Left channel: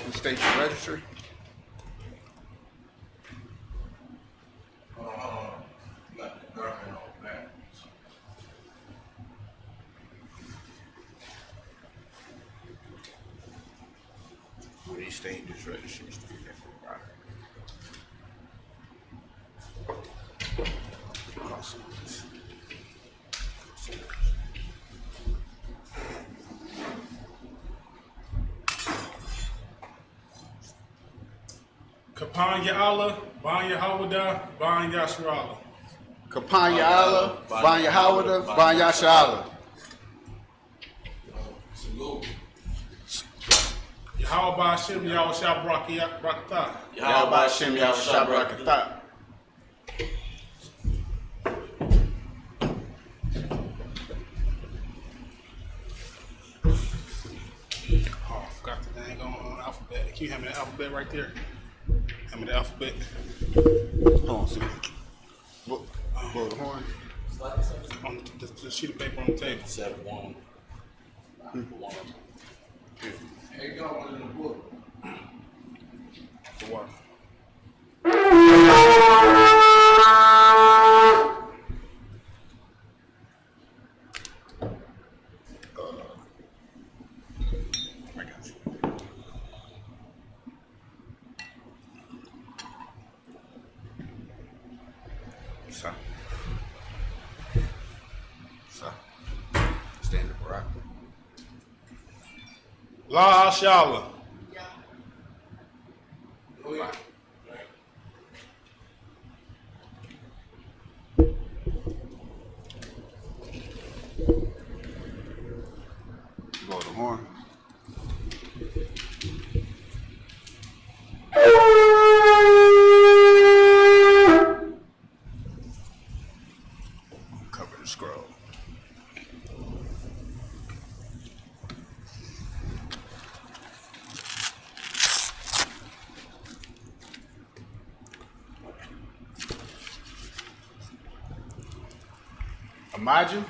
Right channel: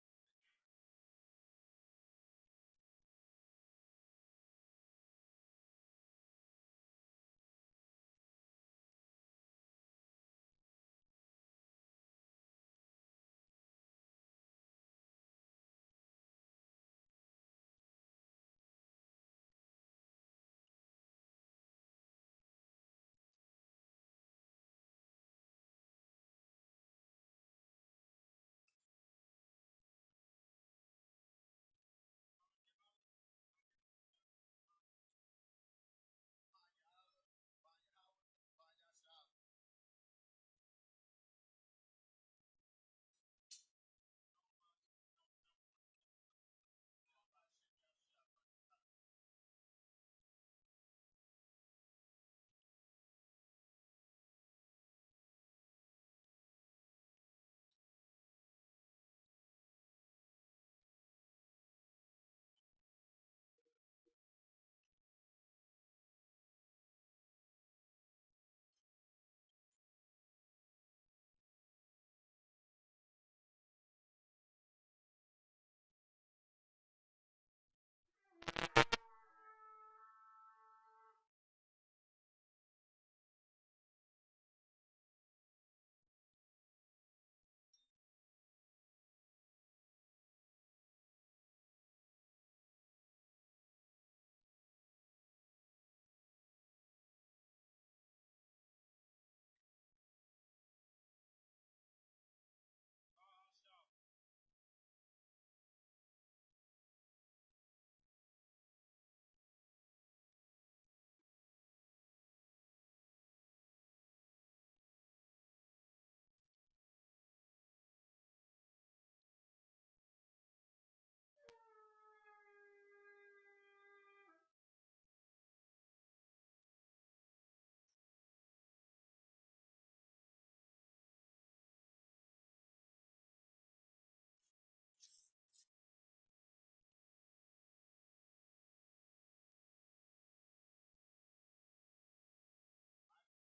up and state your registry. These dangerous registries. Kapanya Allah, Banya Hawada, Banya Yashrala. Kapanya Allah, Banya Hawada, Banya Shala. Yahweh Hashem, Yahweh Shabrakata. Yahweh Hashem, Yahweh Shabrakata. Oh, I forgot the dang on alphabet. Can you hand me the alphabet right there? Hand me the alphabet. Hold on, see. Blow the horn. On the sheet of paper on the table. 7-1. Hey, go on in the book. For what? I got you. So. Stand up, right? La Shala. Blow the horn. Cover the scroll. Imagine,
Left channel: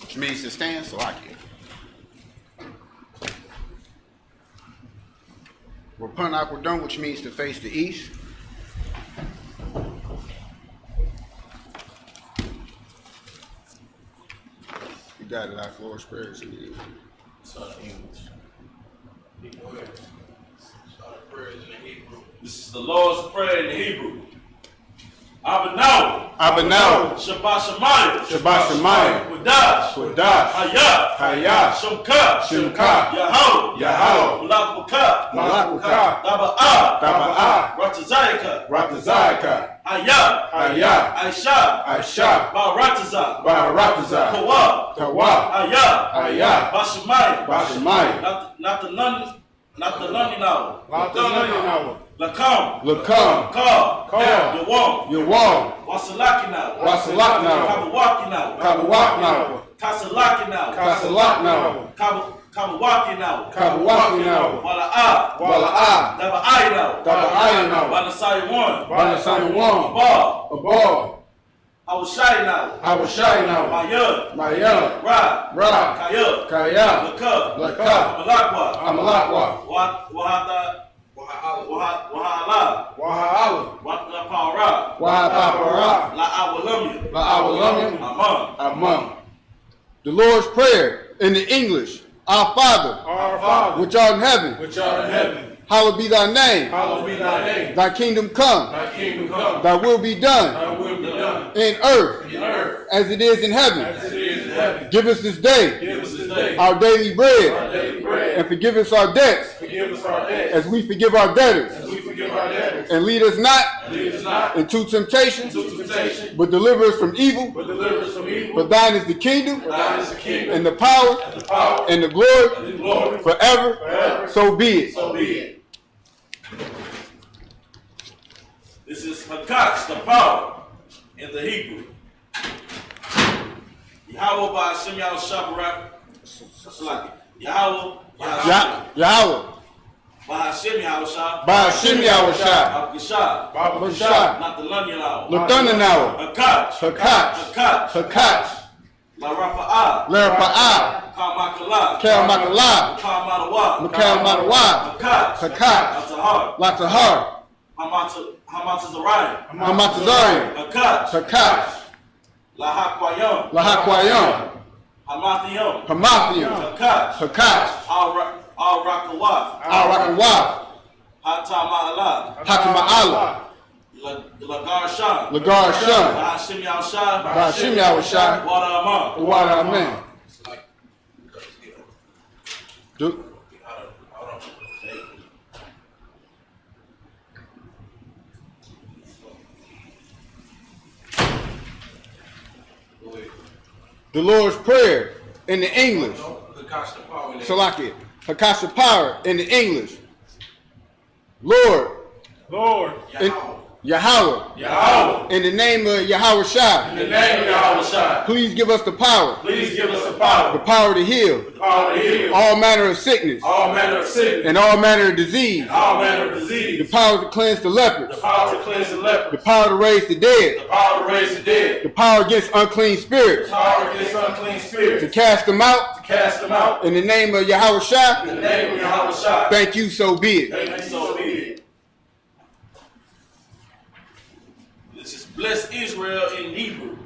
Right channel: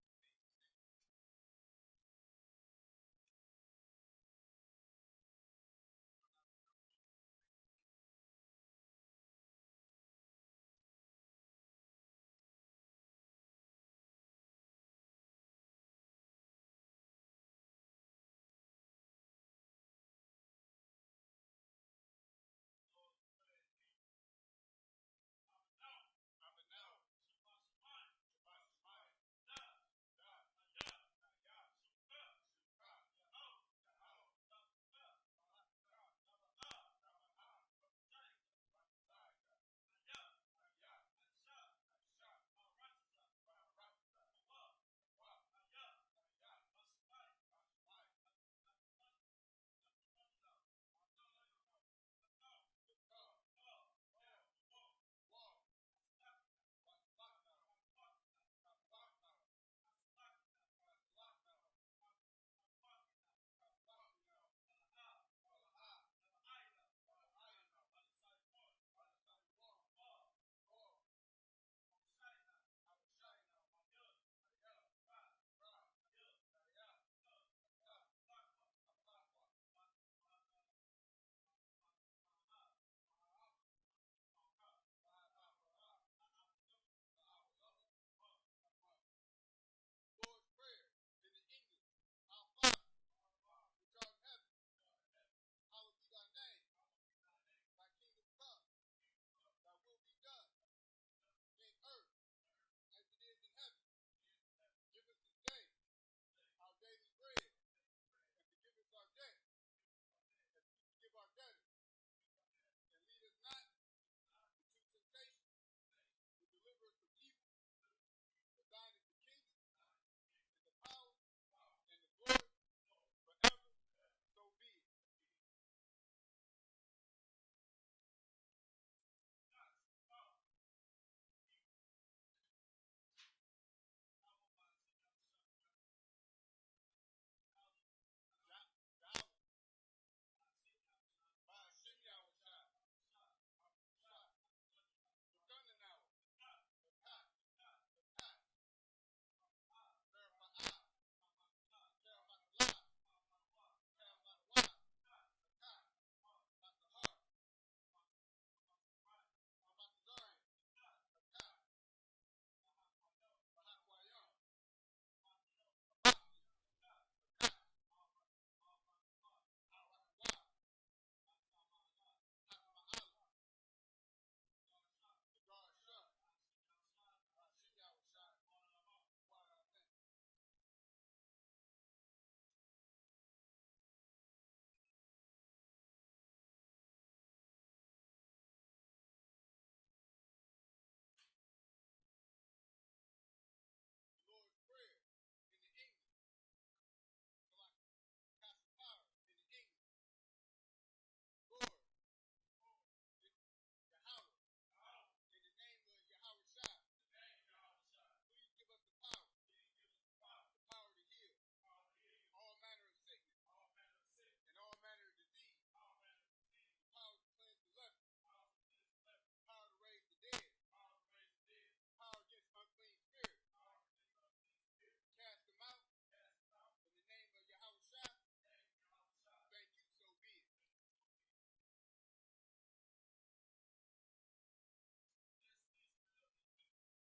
which means to stand, so I get. Rapan Aquadon, which means to face the east. You got it, our Lord's prayers in you. Start English. This is the Lord's Prayer in Hebrew. Abanaw. Abanaw. Shabbat Shemayim. Shabbat Shemayim. Wadash. Wadash. Hayah. Hayah. Shemka. Shemka. Yahweh. Yahweh. Malakuka. Malakuka. Taba'ah. Taba'ah. Ratazayaka. Ratazayaka. Hayah. Hayah. Aisha. Aisha. Ba'arataza. Barataza. Kawa. Kawa. Hayah. Hayah. Bashemayim. Bashemayim. Not the London now. Not the London now. Lakam. Lakam. Ka. Ka. Yawam. Yawam. Wasalaki now. Wasalak now. Kabawaki now. Kabawak now. Kasalaki now. Kasalak now. Kabawaki now. Kabawaki now. Wala'a. Wala'a. Daba'ai now. Daba'ai now. Wanasai one. Wanasai one. Ba. Abba. Awashai now. Awashai now. Mayud. Mayud. Ra. Ra. Kayud. Kaya. Laka. Laka. Amalakwa. Amalakwa. Wahala. Waha'ala. Watapara. Waha'apara. La'awalamya. La'awalamya. Amam. Amam. The Lord's Prayer in the English. Our Father, which art in heaven, hallowed be thy name. Thy kingdom come. Thy will be done. In earth. As it is in heaven. Give us this day. Our daily bread. And forgive us our debts. As we forgive our debtors. And lead us not into temptation. But deliver us from evil. For thine is the kingdom. And the power. And the glory. Forever. So be it. This is Hakash, the power, in the Hebrew. Yahweh by Hashem Yahweh Shabbat. Yahweh. Yahweh. By Hashem Yahweh Shah. By Hashem Yahweh Shah. Abkashah. Babashah. Not the London hour. Lathananawa. Hakash. Hakash. Hakash. Hakash. La Rapa'ah. Larapa'ah. Cal Makala, Makal Matawa, Hakat, Latahar, Hamatazarian, Hakat, Lahakwayam, Hamathium, Hakat, Al-Rakawah, Hatama'ala, Lagar Sham, Bashim Yawashai, Wada Amen. The Lord's Prayer in the English. Salaki. Hakasha Power in the English. Lord. In Yahweh. In the name of Yahweh Shai. Please give us the power. The power to heal. All manner of sickness. And all manner of disease. The power to cleanse the lepers. The power to raise the dead. The power against unclean spirits. To cast them out. In the name of Yahweh Shai. Thank you, so be it. This is bless Israel in Hebrew.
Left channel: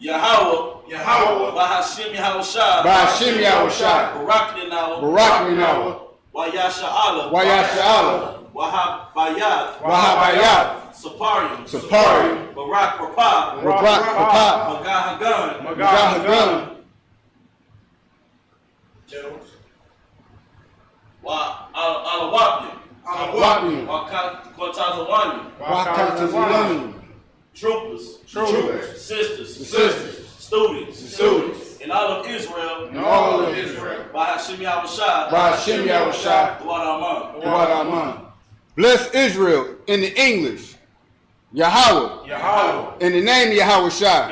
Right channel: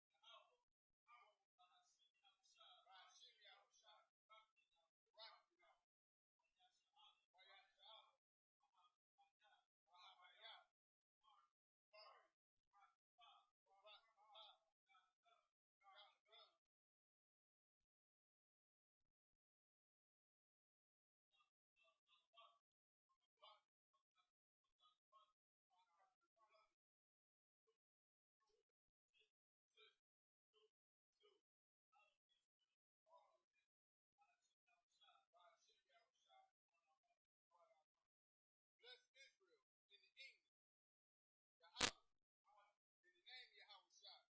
Yahweh, Bahashim Yahushai, Barak Linawa, Wayasha'ala, Wahabayat, Saparium, Barak Papa, Magahagan, Alawapim, Wakatazawani, troopers, sisters, students, in all of Israel, Bahashim Yahushai, Duwad Aman. Bless Israel in the English. Yahweh. In the name of Yahweh Shai.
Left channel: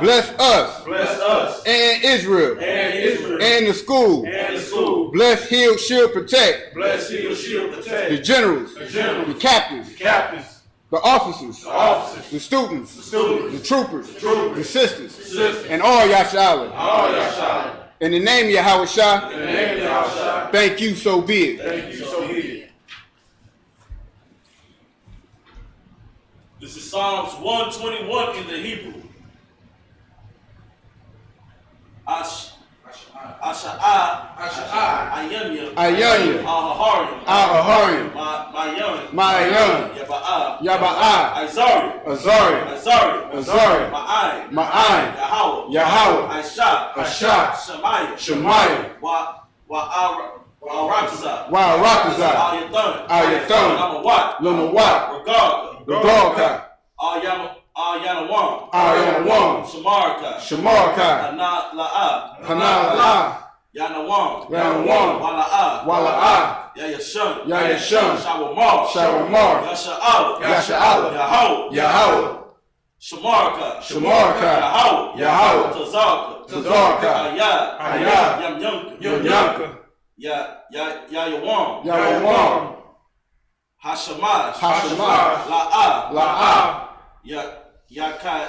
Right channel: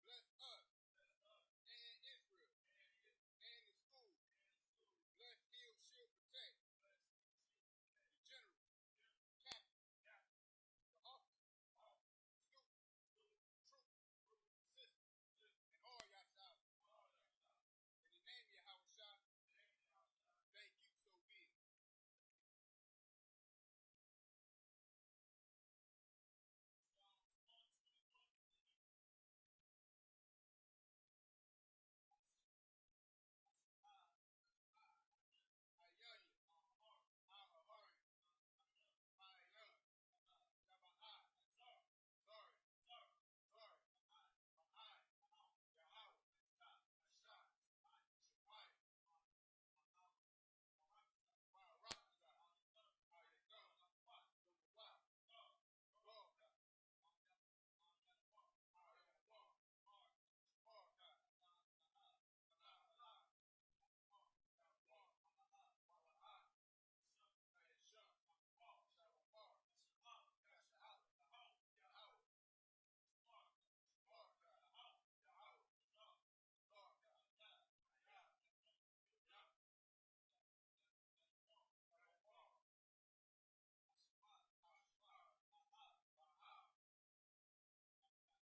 Bless us. And Israel. And the school. Bless, heal, shield, protect. The generals. The captains. The officers. The students. The troopers. The sisters. And all Yasha'ala. In the name of Yahweh Shai. Thank you, so be it. This is Psalms 121 in the Hebrew. Ayanya, Al-Haharian, Mayan, Yaba'ah, Azari, Ma'ai, Yahweh, Asha, Shemaiah, Wa'arakazah, Al-Yathan, Lunawat, Regalka, Al-Yanawam, Shamarka, Hana'la'ah, Yanawam, Wala'ah, Yayashun, Shawamar, Yasha'ala, Yahweh, Shamarka, Yahweh, Tazarka, Ayad, Yamyanka, Yayawam, Hashamash, La'ah, Yaka'ah,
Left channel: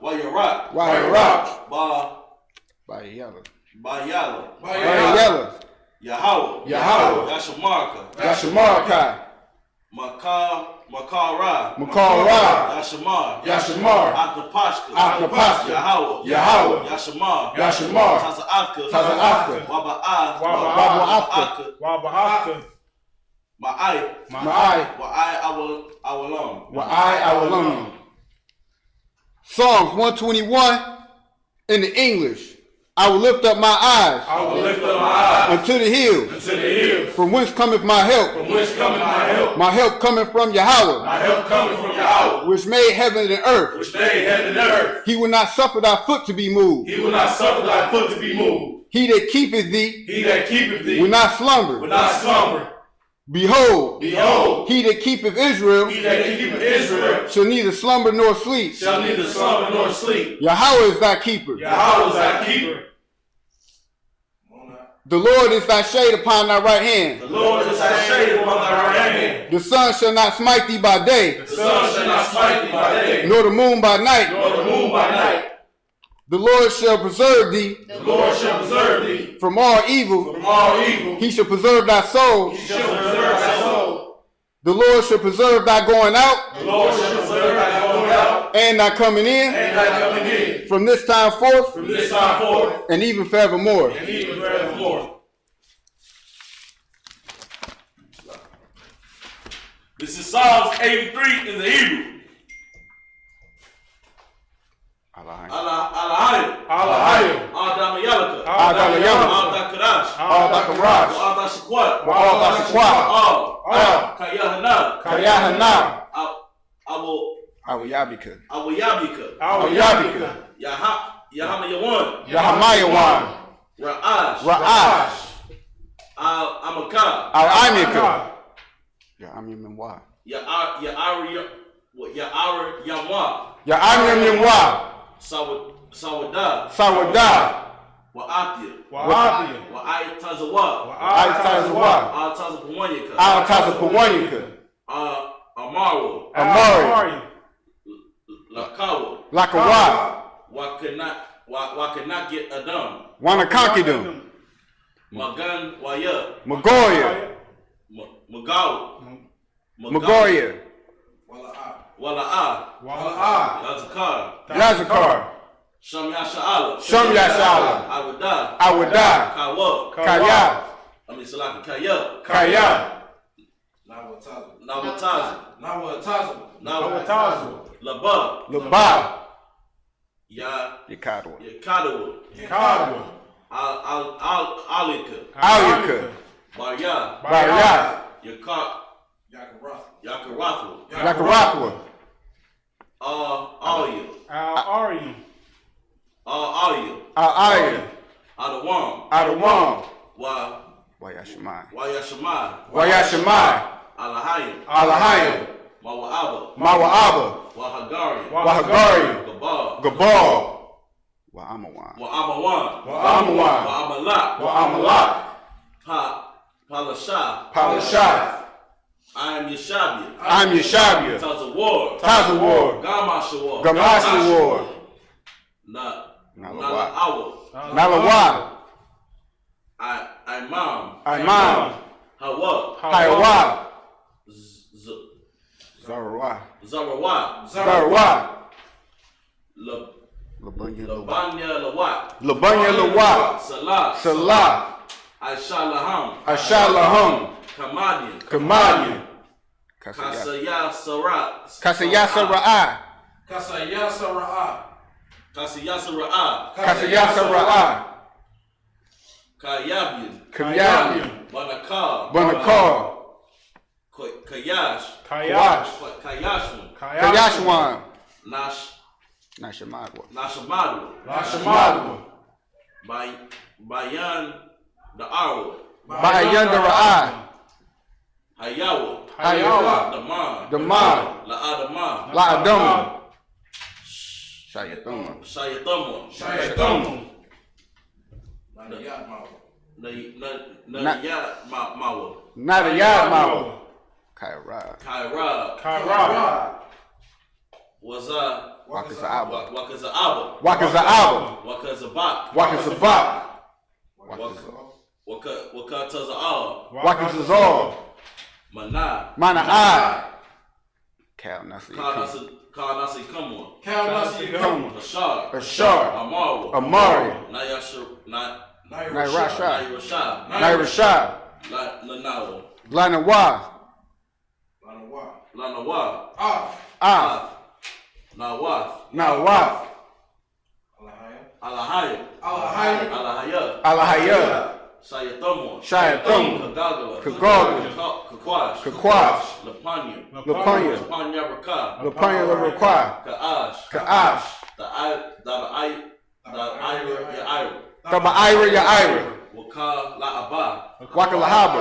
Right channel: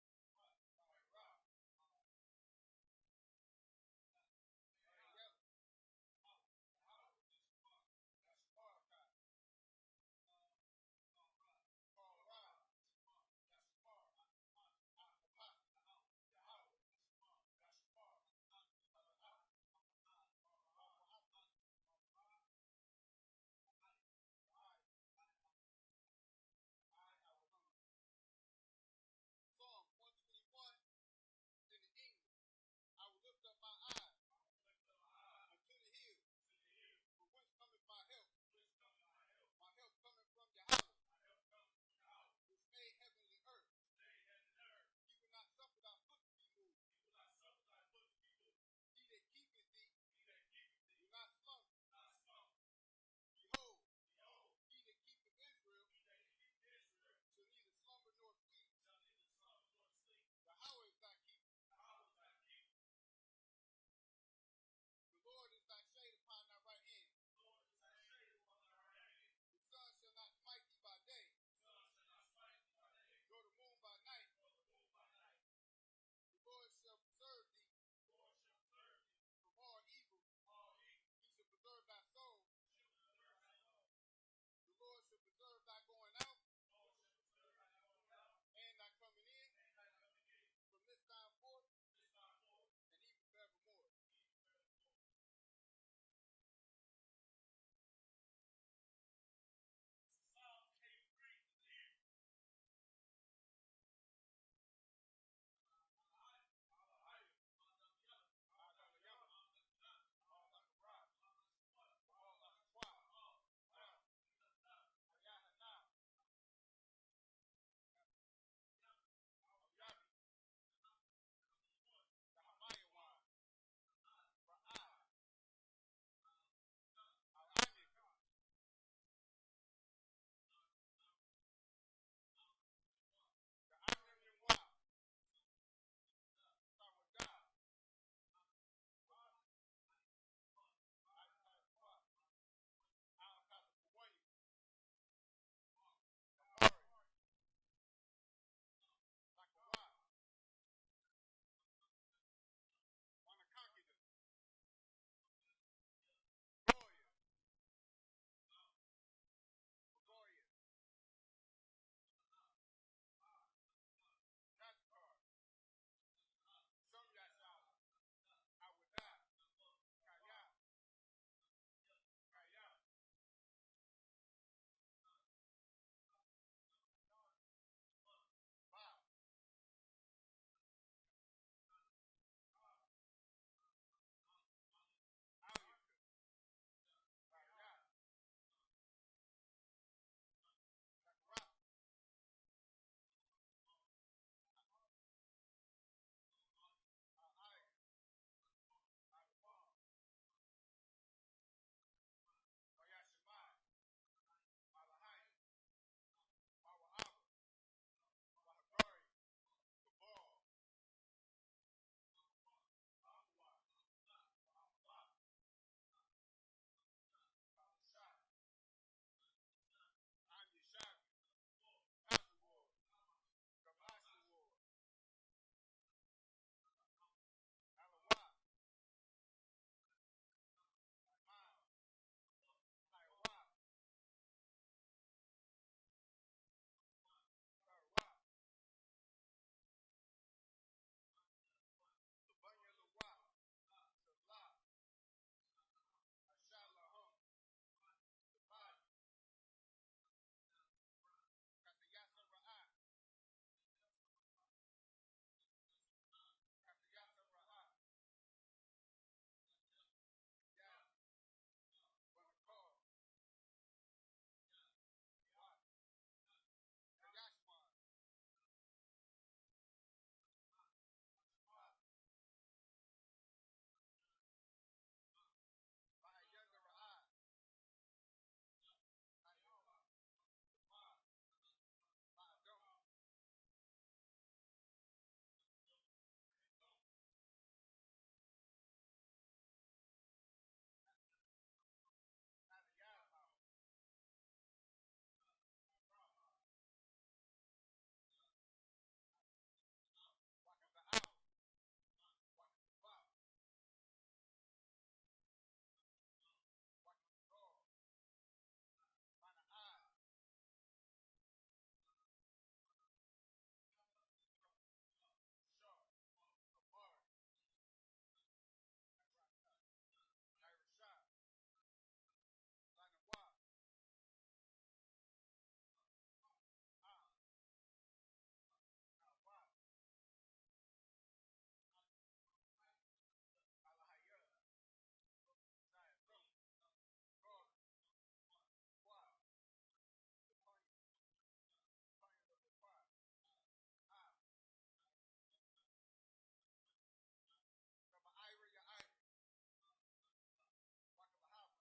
Wayarak, Bayala, Yahweh, Yashamarka, Makara, Yashamar, Aknapashka, Yahweh, Yashamar, Taza'afka, Waba'afka, Ma'ai, Awalon. Psalms 121 in the English. I will lift up my eyes. Unto the hills. From whence cometh my help? My help cometh from Yahweh. Which made heaven and earth. He will not suffer thy foot to be moved. He that keepeth thee will not slumber. Behold, he that keepeth Israel shall neither slumber nor sleep. Yahweh is thy keeper. The Lord is thy shade upon thy right hand. The sun shall not smite thee by day. The sun shall not smite thee by day. Nor the moon by night. Nor the moon by night. The Lord shall preserve thee. The Lord shall preserve thee from all evil. from all evil. He shall preserve thy soul. He shall preserve thy soul. The Lord shall preserve thy going out. The Lord shall preserve thy going out. And thy coming in. And thy coming in. From this time forth. From this time forth. And even forevermore. And even forevermore. This is Psalms 83 in the Hebrew. Alahayim. Alahayim. Adamayalaka. Adamayalaka. Adakarash. Adakarash. Adashikwat. Adashikwat. Kayahana. Kayahana. Awayabika. Awayabika. Yahamayawan. Yahamayawan. Ra'ash. Al-Amika. Ya'amimwa. Ya'amimwa. Sawada. Wa'atia. Wa'aytazawa. Al-Tazapawanyika. Al-Tazapawanyika. Amari. Lakawa. Wakanak get Adam. Wanakankidum. Magan Waya. Magoya. Magoya. Wala'a. Yazakar. Shamyasha'ala. Awada. Kaya. Kaya. Nawatazu. Laba. Yakadwa. Alika. Barya. Yakarathwa. Al-Arya. Adawam. Wayashamai. Alahayim. Mawa'aba. Wahagari. Gabal. Wa'amawan. Wa'amalak. Palashah. I'm Yeshabia. Tazawar. Gamashawar. Nalawa. Imam. Hawa. Zarawa. Labanya Lawa. Salah. Ashalaham. Kamadian. Kasayasara'a. Kayabian. Banakar. Kayashwan. Nashamadwa. Bayan the Arwa. Bayan the Ra'a. Hayawa. Damar. La'adama. Shayatama. Nadayad Mawa. Kaira. Wakaza'aba. Wakazabak. Wakazazal. Mana'ai. Cal Nasi Kamwa. Ashar. Amari. Nairashad. Lanawa. Nawath. Alahaya. Shayatama. Kakwash. Lapanya. Lapanya. Ka'ash. Taba'ira Ya'ira. Wakalahaba.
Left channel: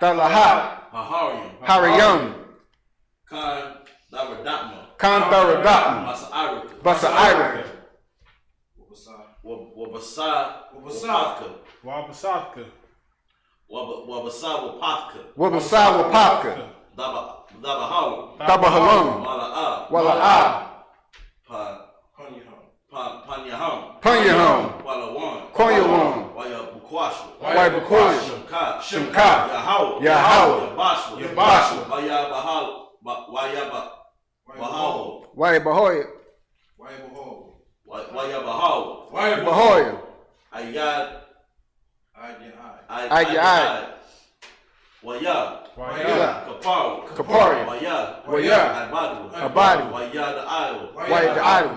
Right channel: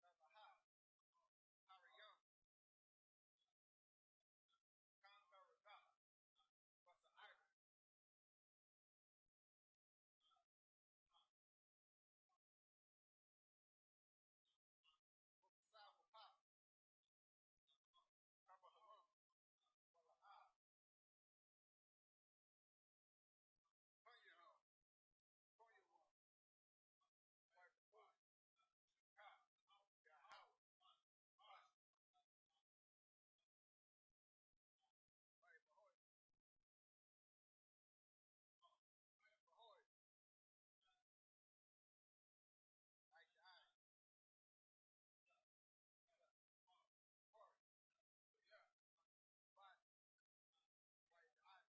Dalahat. Hariyam. Kantharadama. Basa'irika. Wabasatka. Wabasawa Patka. Wabasawa Papka. Tabahalam. Wala'a. Panyaham. Konyawan. Wayabukwasha. Shimka. Yahweh. Yabashwa. Wayabahoya. Wayabahoya. Ayad. Waya. Kapari. Waya. Abadi. Waya Adu.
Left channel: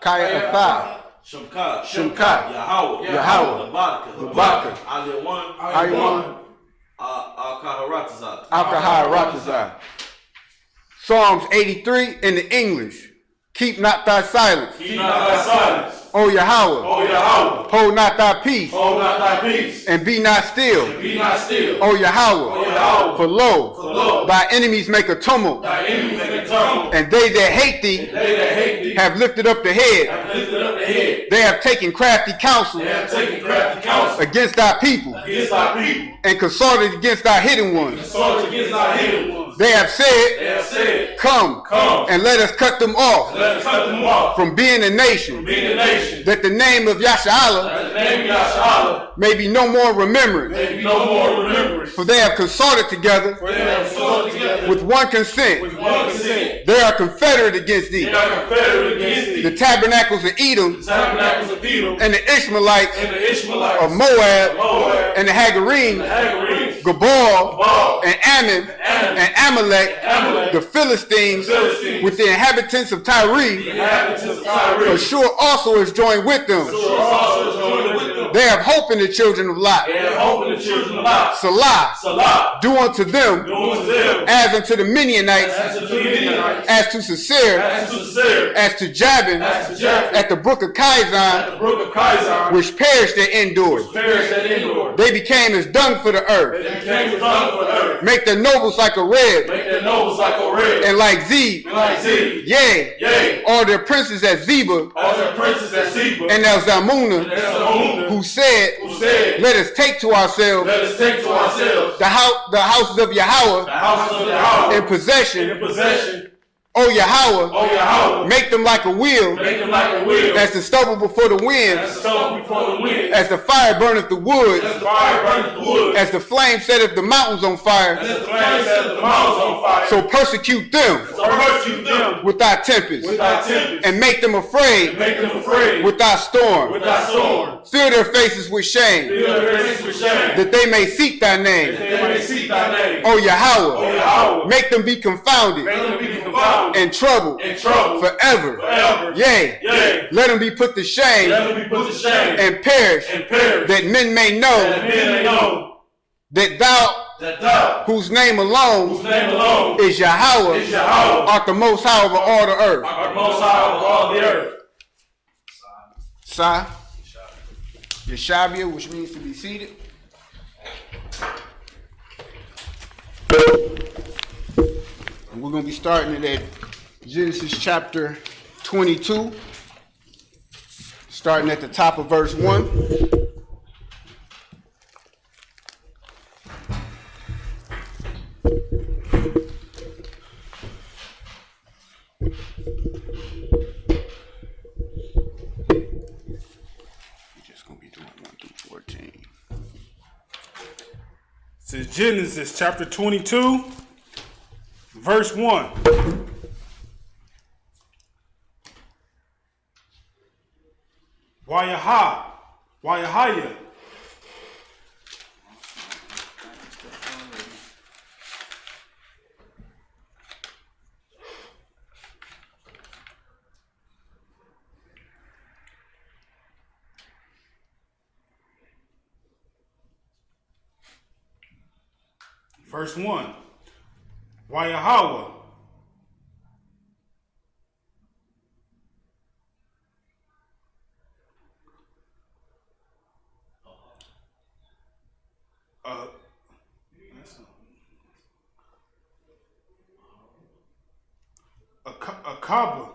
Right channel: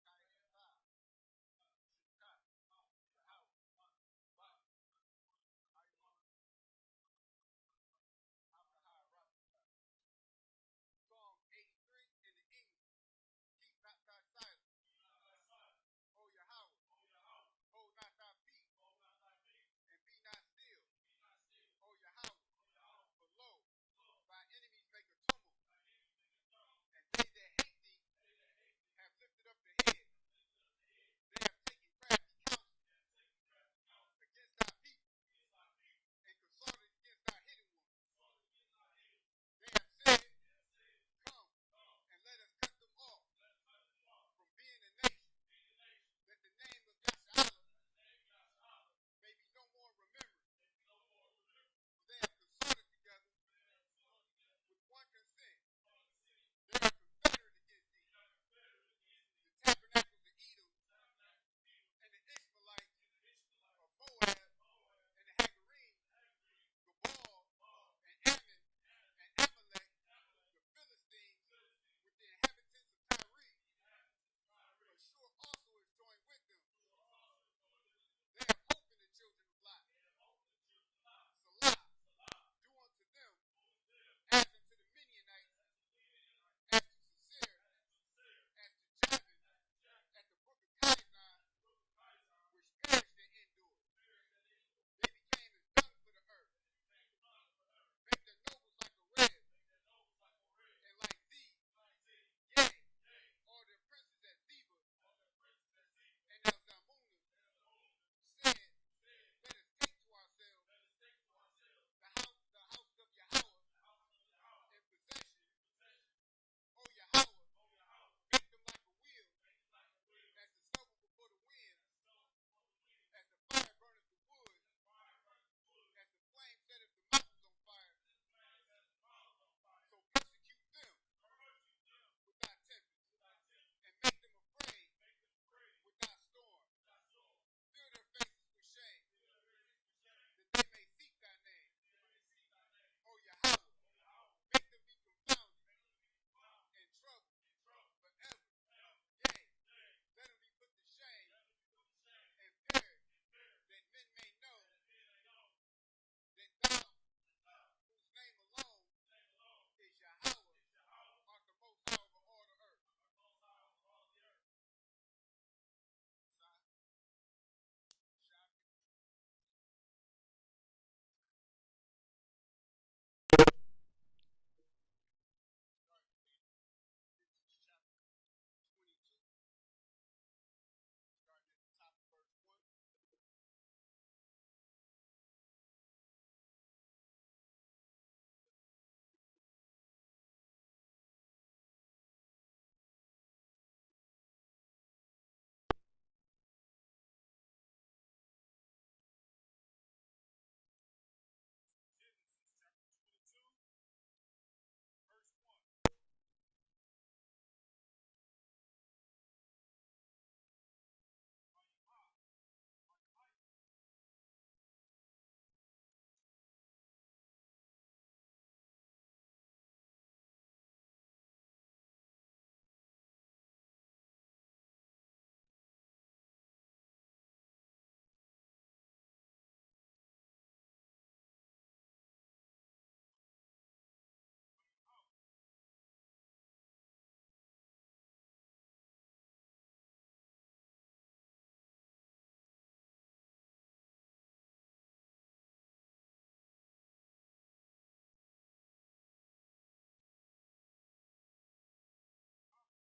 Kaya Atha. Shimka. Yahweh. Labaka. Aliwan. Alkaharatazah. Psalms 83 in the English. Keep not thy silence. Keep not thy silence. O Yahweh. O Yahweh. Hold not thy peace. Hold not thy peace. And be not still. And be not still. O Yahweh. O Yahweh. For lo, lo, thy enemies make a tumult. Thy enemies make a tumult. And they that hate thee, have lifted up the head. Have lifted up the head. They have taken crafty counsel. They have taken crafty counsel. Against thy people. Against thy people. And consulted against thy hidden ones. Consulted against thy hidden ones. They have said, Come, and let us cut them off. Let us cut them off. From being a nation. From being a nation. That the name of Yasha'Allah may be no more remembered. May be no more remembrance. For they have consulted together. For they have consulted together. With one consent. With one consent. They are confederate against thee. They are confederate against thee. The tabernacles of Edom. The tabernacles of Edom. And the Ishmaelites. And the Ishmaelites. Of Moab. And the Hagarenes. Gabal. And Ammon. And Amalek. The Philistines. With the inhabitants of Tyre. Ashur also is joined with them. They have hope in the children of Lot. Salah. Do unto them as unto the Midianites, as to Sisera, as to Jabin, at the brook of Kizon, which perished at Endor. They became as dung for the earth. Make their nobles like a rib, and like Zeb. Yea, all their princes as Zebah, and as Zalmunna, who said, let us take to ourselves the houses of Yahweh in possession. O Yahweh, make them like a wheel, as the stubble before the wind, as the fire burneth the wood, as the flame setteth the mountains on fire. So persecute them with thy tempest, and make them afraid with thy storm. Fill their faces with shame, that they may seek thy name. O Yahweh, make them be confounded and troubled forever. Yea, let them be put to shame and perish, that men may know that thou, whose name alone is Yahweh, art the most high over all the earth. Sa, Yeshabia, which means to be seated. And we're going to be starting it at Genesis chapter 22, starting at the top of verse 1. This is Genesis chapter 22, verse 1. Wayahaya. Verse 1. Wayahawa. Akaba.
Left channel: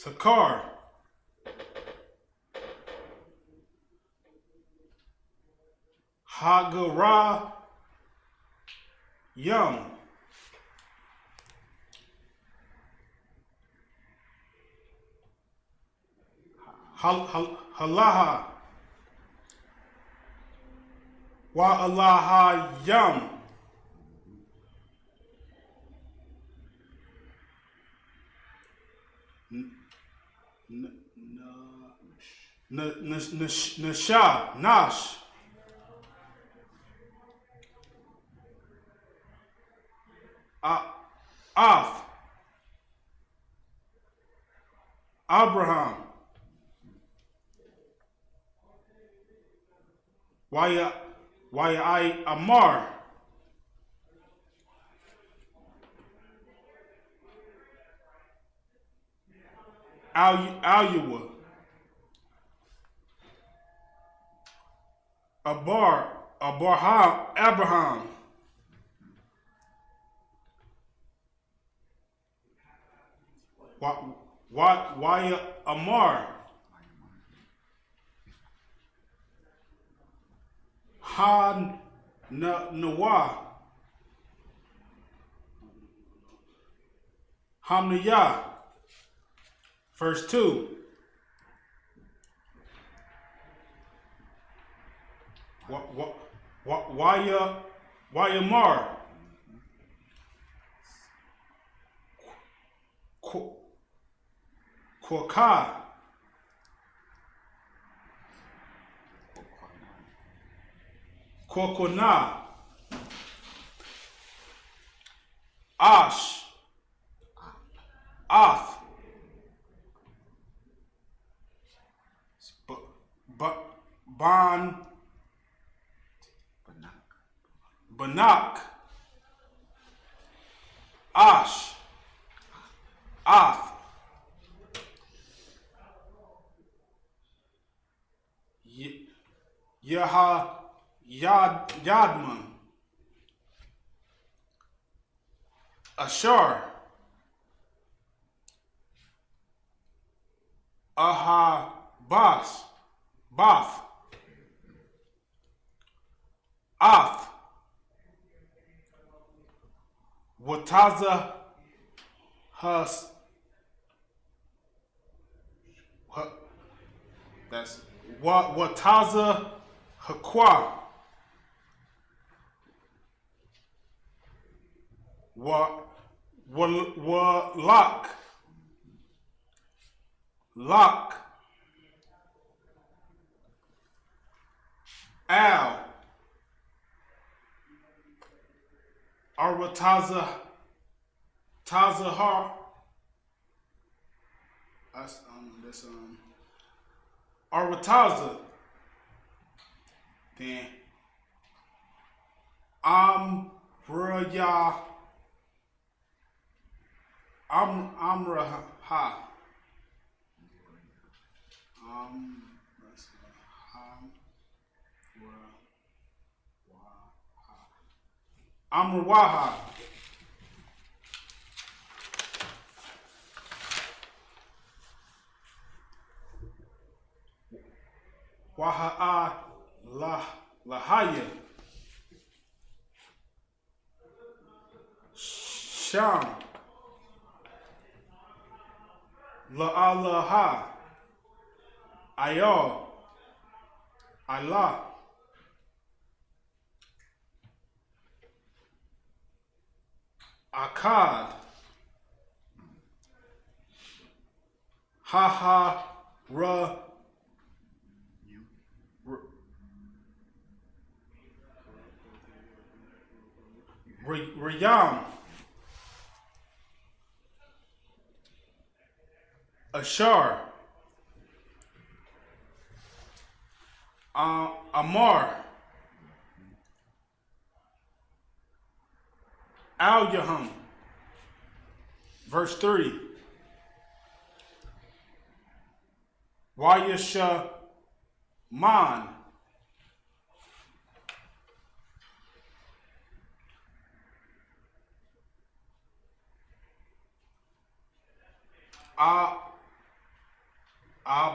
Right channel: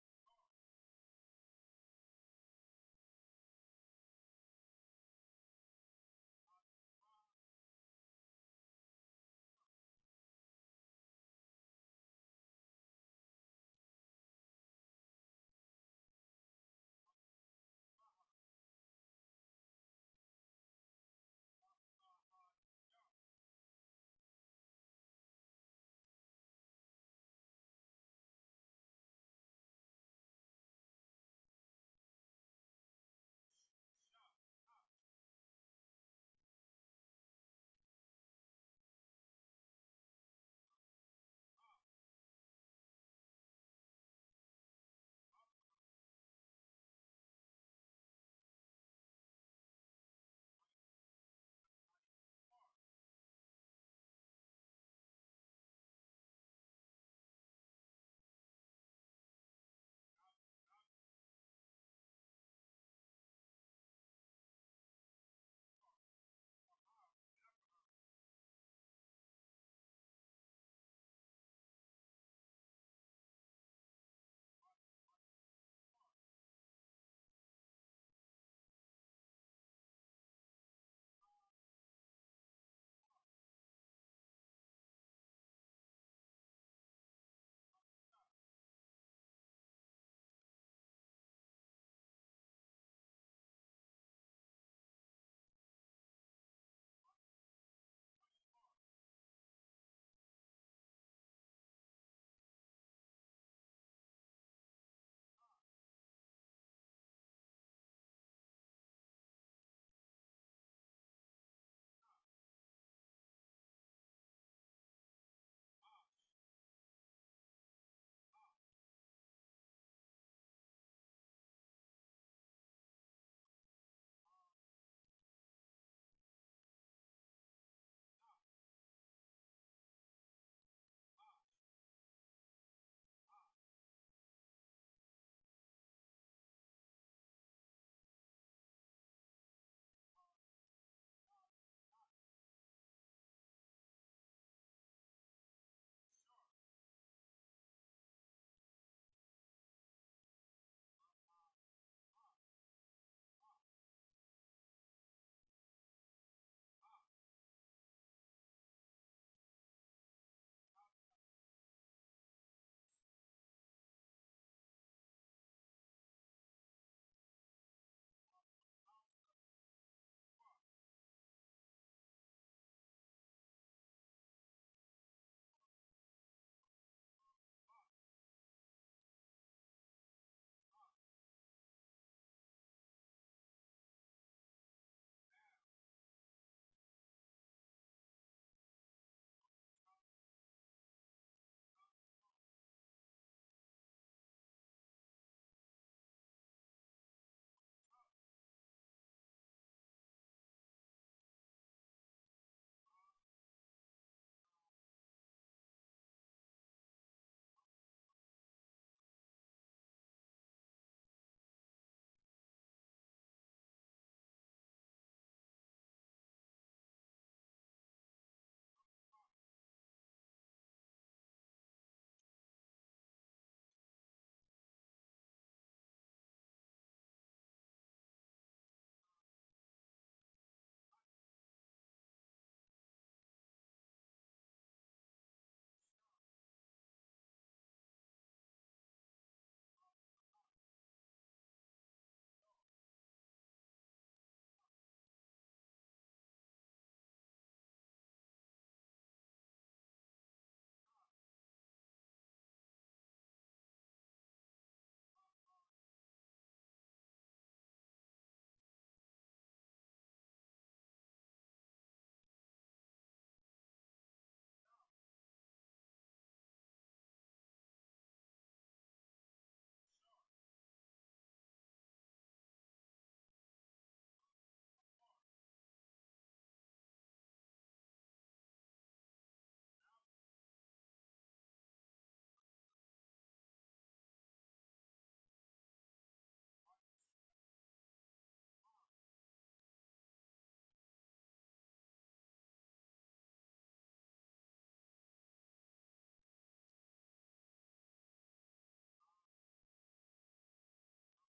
Sakar, Hagara, Yum, Halaha, Wa Alaha Yum, Nasha, Nash, Ath, Abraham, Waya I Amar, Alua, Abraham, Waya Amar, Nawa, Hamniyah, verse 2. Wayamar, Kwaka, Kwakona, Ash, Ath, Ban, Banak, Ash, Ath, Yadman, Ashar, Bath, Ath, Wataza, that's Wataza Hakwa, Lock, Al, Arwataza, Tazahar, that's Arwataza, then Amraya, Amraha, Amrawaha, Waha'a Lahaya, Sham, La'alaha, Ayal, Allah, Akkad, Haha, Rayam, Ashar, Amar, Al-Yaham, verse 3. Wayasha Man, Ab,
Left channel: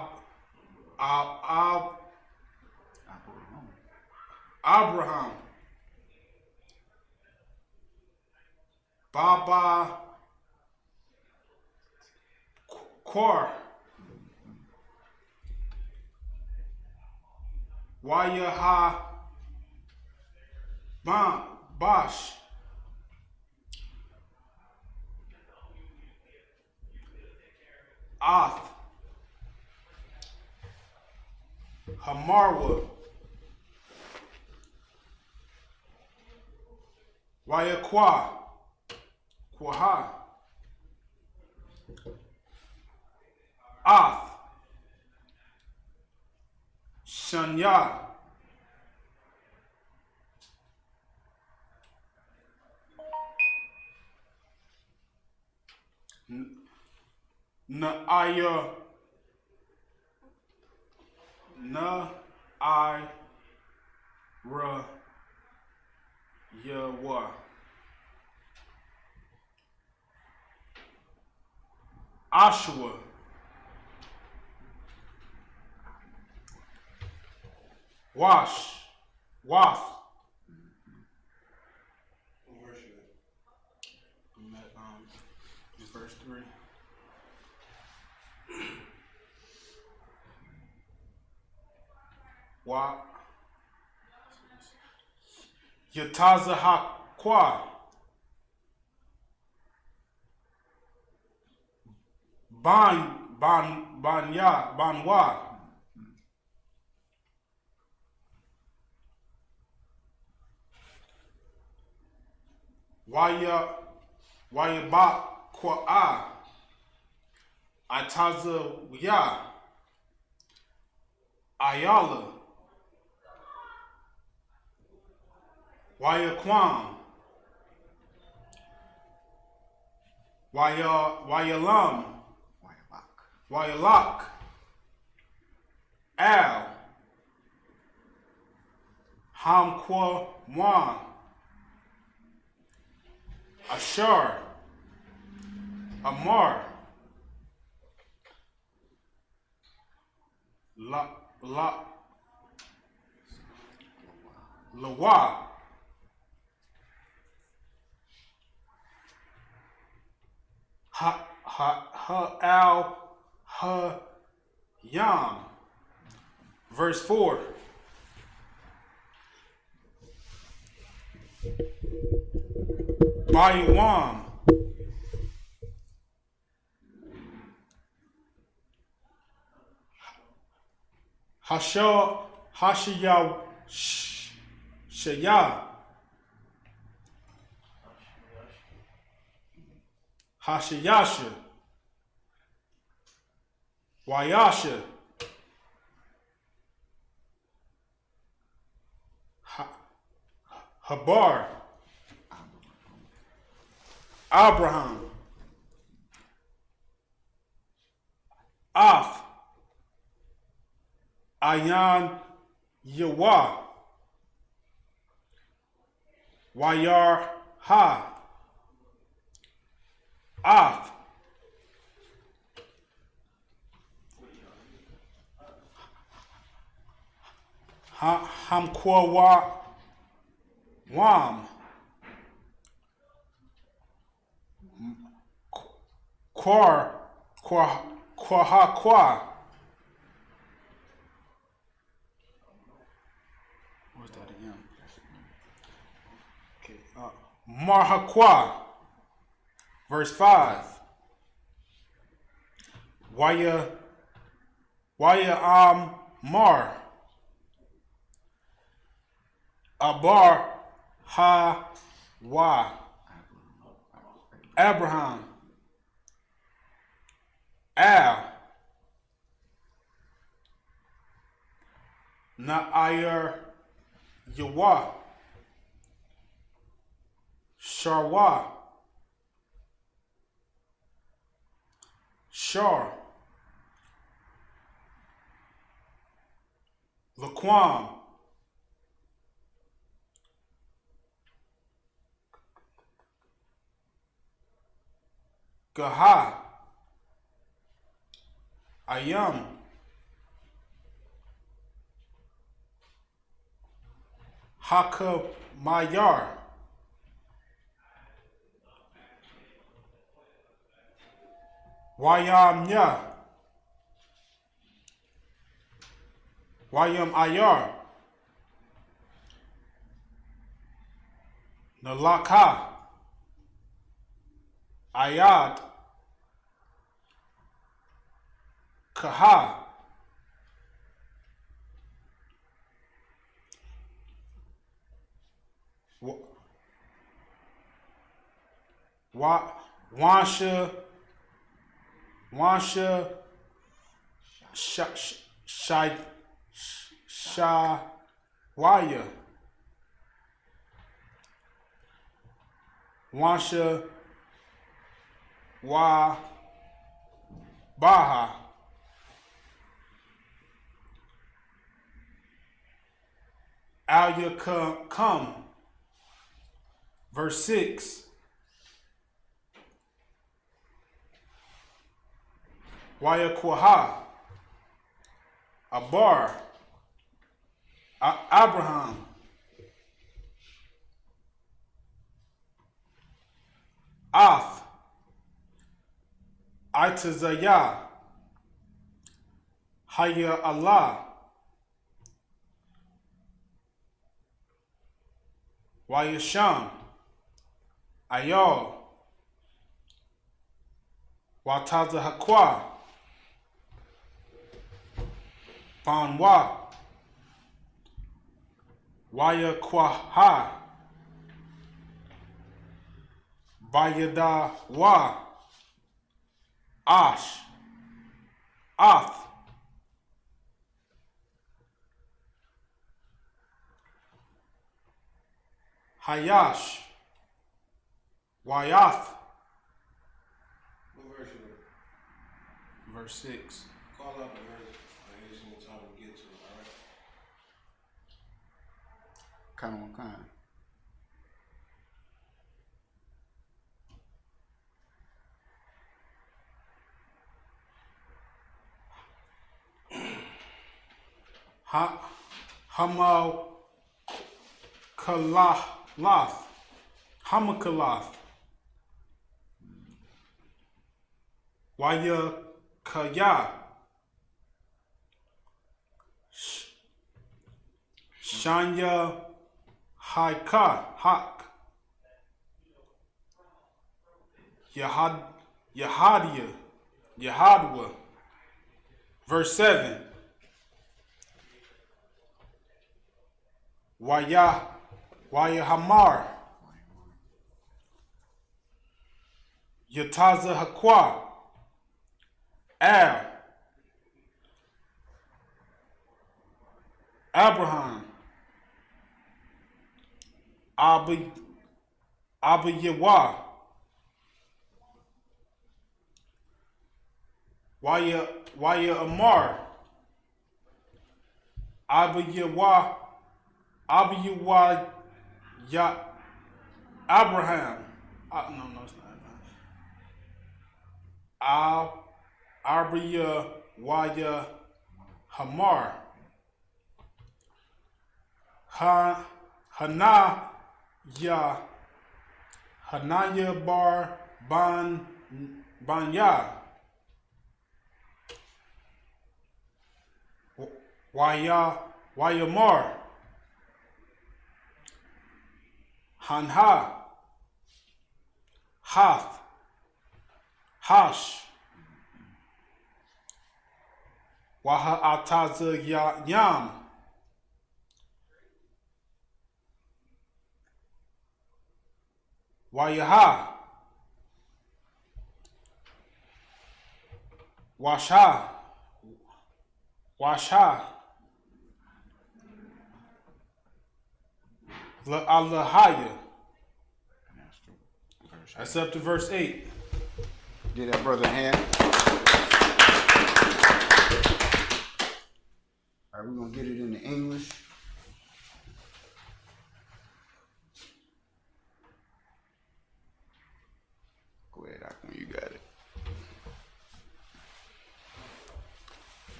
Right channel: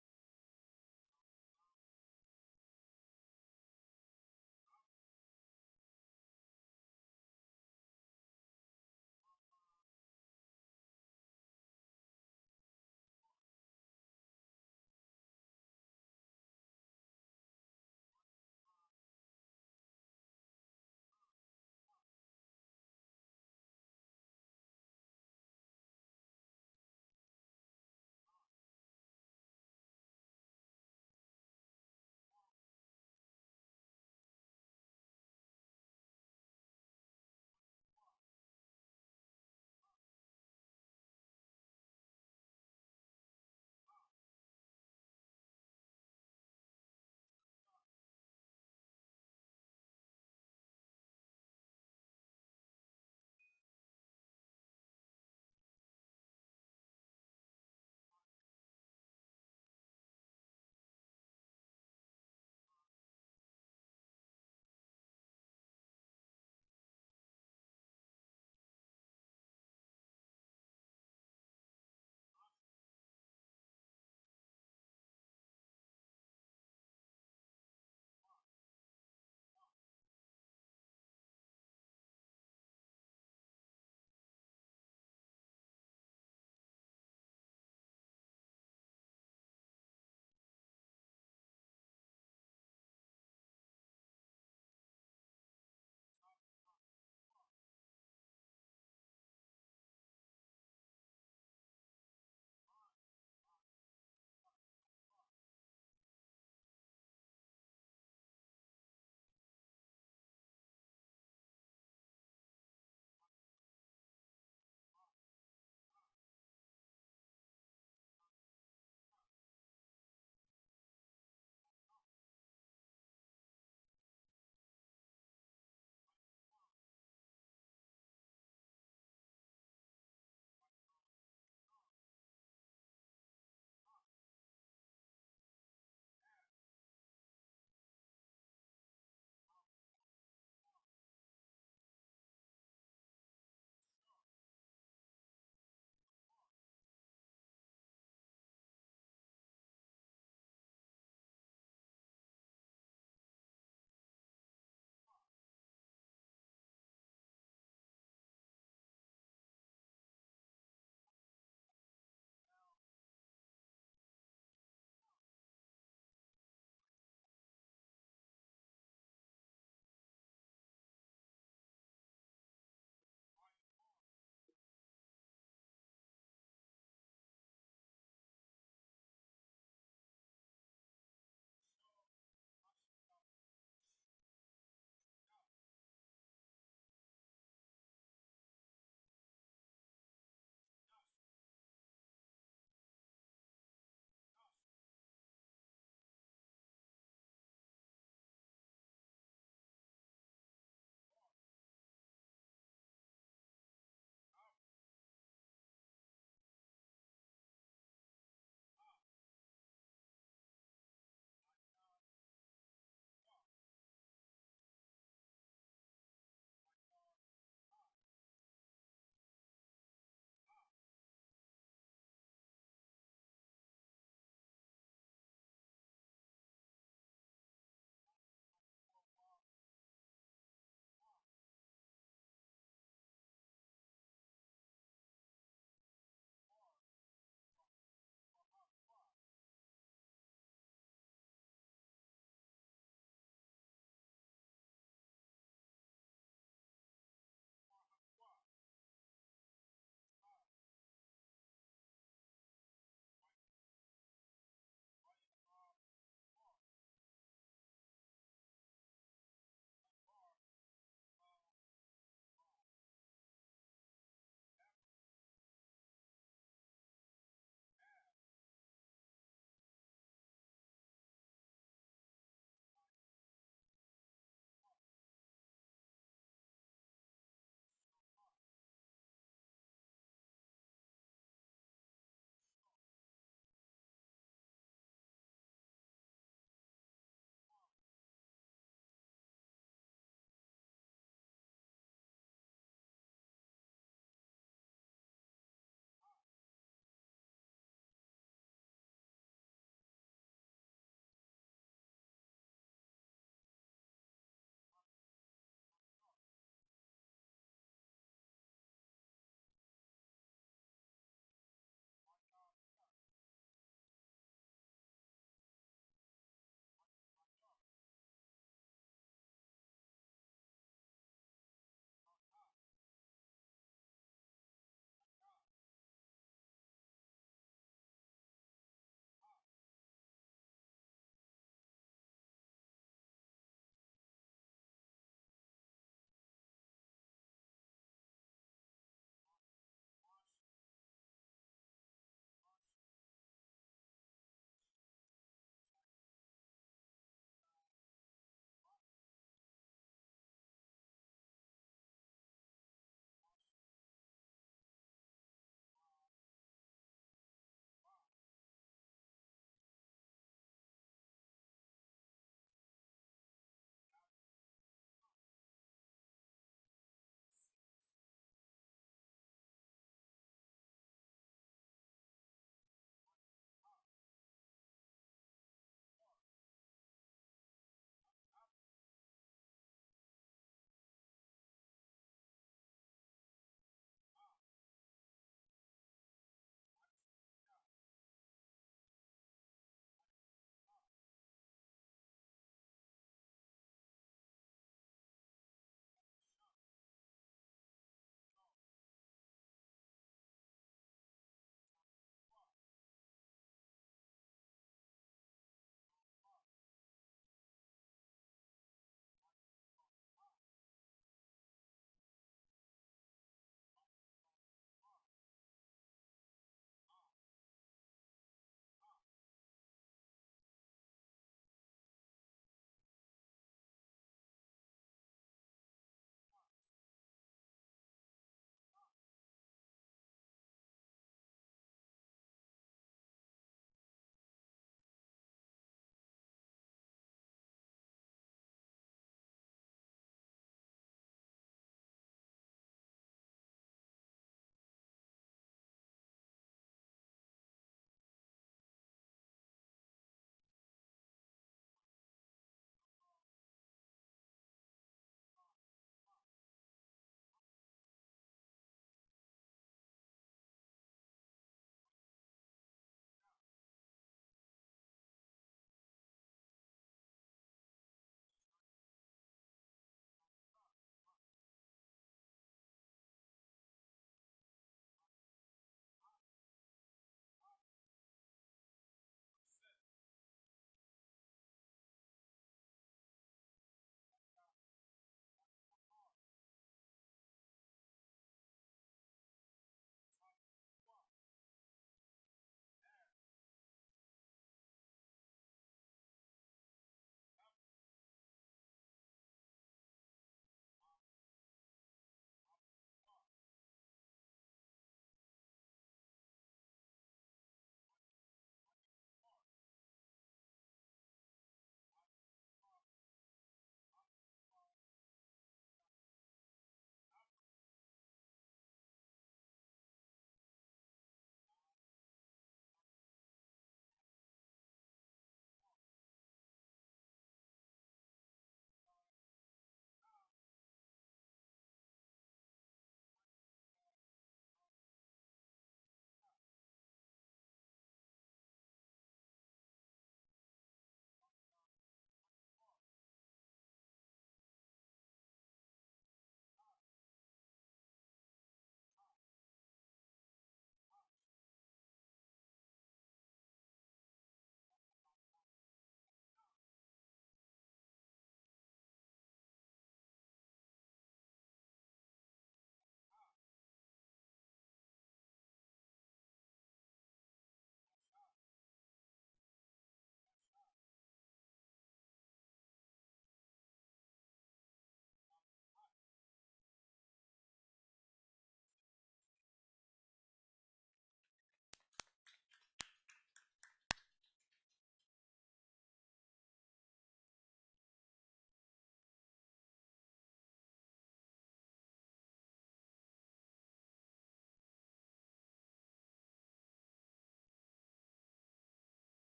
Abraham. Baba Kor. Wayaha Bash. Ath. Hamarwa. Wayakwa. Kwaha. Ath. Shanya. Naaya. Yawa. Ashua. Wash. Wath. What verse you at? I'm at verse 3. Wa Yataza Hakwa. Banwa. Waya ba kwa Ataza ya Ayala. Waya Kwam. Waya Lam. Waya Lak. Al. Ham Kwa Mwan. Ashar. Amar. Lawa. Al Yam. Verse 4. Bayawam. Hashiya Shaya. Hashiyasha. Wayasha. Habar. Abraham. Af. Ayan Yawa. Wayar Ha. Af. Hamkwa Wam. Kwa. What's that again? Okay. Marhaqua. Verse 5. Waya Mar. Abar Ha Wa. Abraham. Al. Na'ayar Yawa. Sharwa. Shar. Laquam. Gaha. Ayam. Hakamayar. Wayamya. Wayam Ayar. Nalaka. Ayad. Kaha. Wansha. Wansha. Shawaya. Wansha. Wa. Baha. Alya come. Verse 6. Waya Kwaha. Abar. Abraham. Ath. Itazayah. Haya Allah. Wayasham. Ayal. Wataza Hakwa. Banwa. Wayakwaha. Bayada Wa. Ash. Ath. Hayash. Wayath. What verse you in? Verse 6. Call out the verse. I need some more time to get to it, alright? Kind on kind. Hamal Kalath. Hamakalath. Waya Kaya. Shanya Hak. Yahadwa. Verse 7. Waya Hamar. Yataza Hakwa. Abraham. Abiyawa. Waya Amar. Abiyawa ya Abraham. No, it's not Abraham. Waya Hamar. Hanaya bar Banya. Wayamar. Hanha. Hath. Hash. Waha Ataza Yam. Wayaha. Washa. Allahaya. That's up to verse 8. Give that brother a hand. All right, we're going to get it into English. Go ahead, Akon, you got it.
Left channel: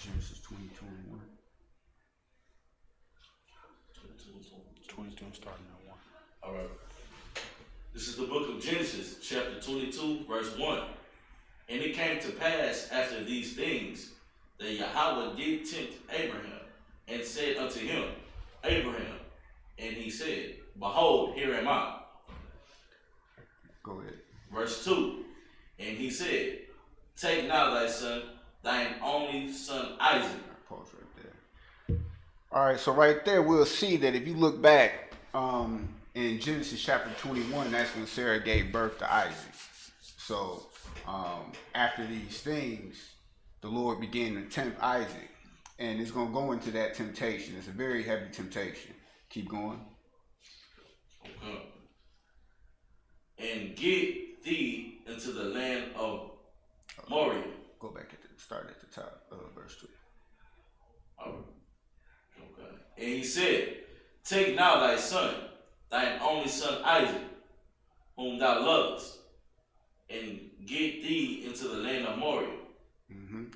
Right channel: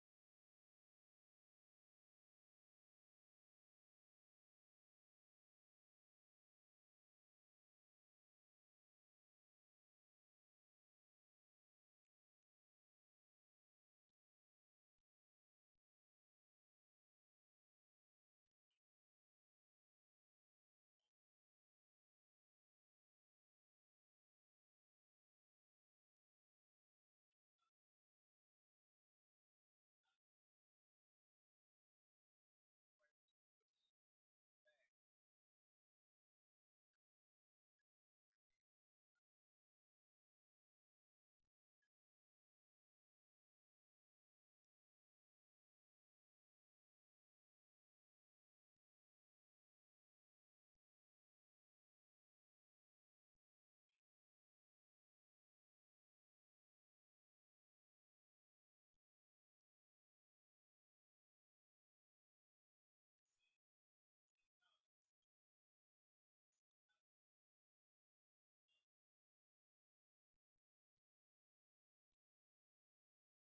Genesis 20:21. 22. I'm starting at 1. All right. This is the book of Genesis, chapter 22, verse 1. And it came to pass after these things that Yahweh did tempt Abraham and said unto him, Abraham. And he said, Behold, here am I. Go ahead. Verse 2. And he said, Take now thy son, thine only son Isaac. Pause right there. All right, so right there we'll see that if you look back in Genesis chapter 21, that's when Sarah gave birth to Isaac. So after these things, the Lord began to tempt Isaac. And it's going to go into that temptation. It's a very heavy temptation. Keep going. Okay. And get thee into the land of Moriah. Go back start at the top of verse 2. All right. Okay. And he said, Take now thy son, thine only son Isaac, whom thou lovest, and get thee into the land of Moriah,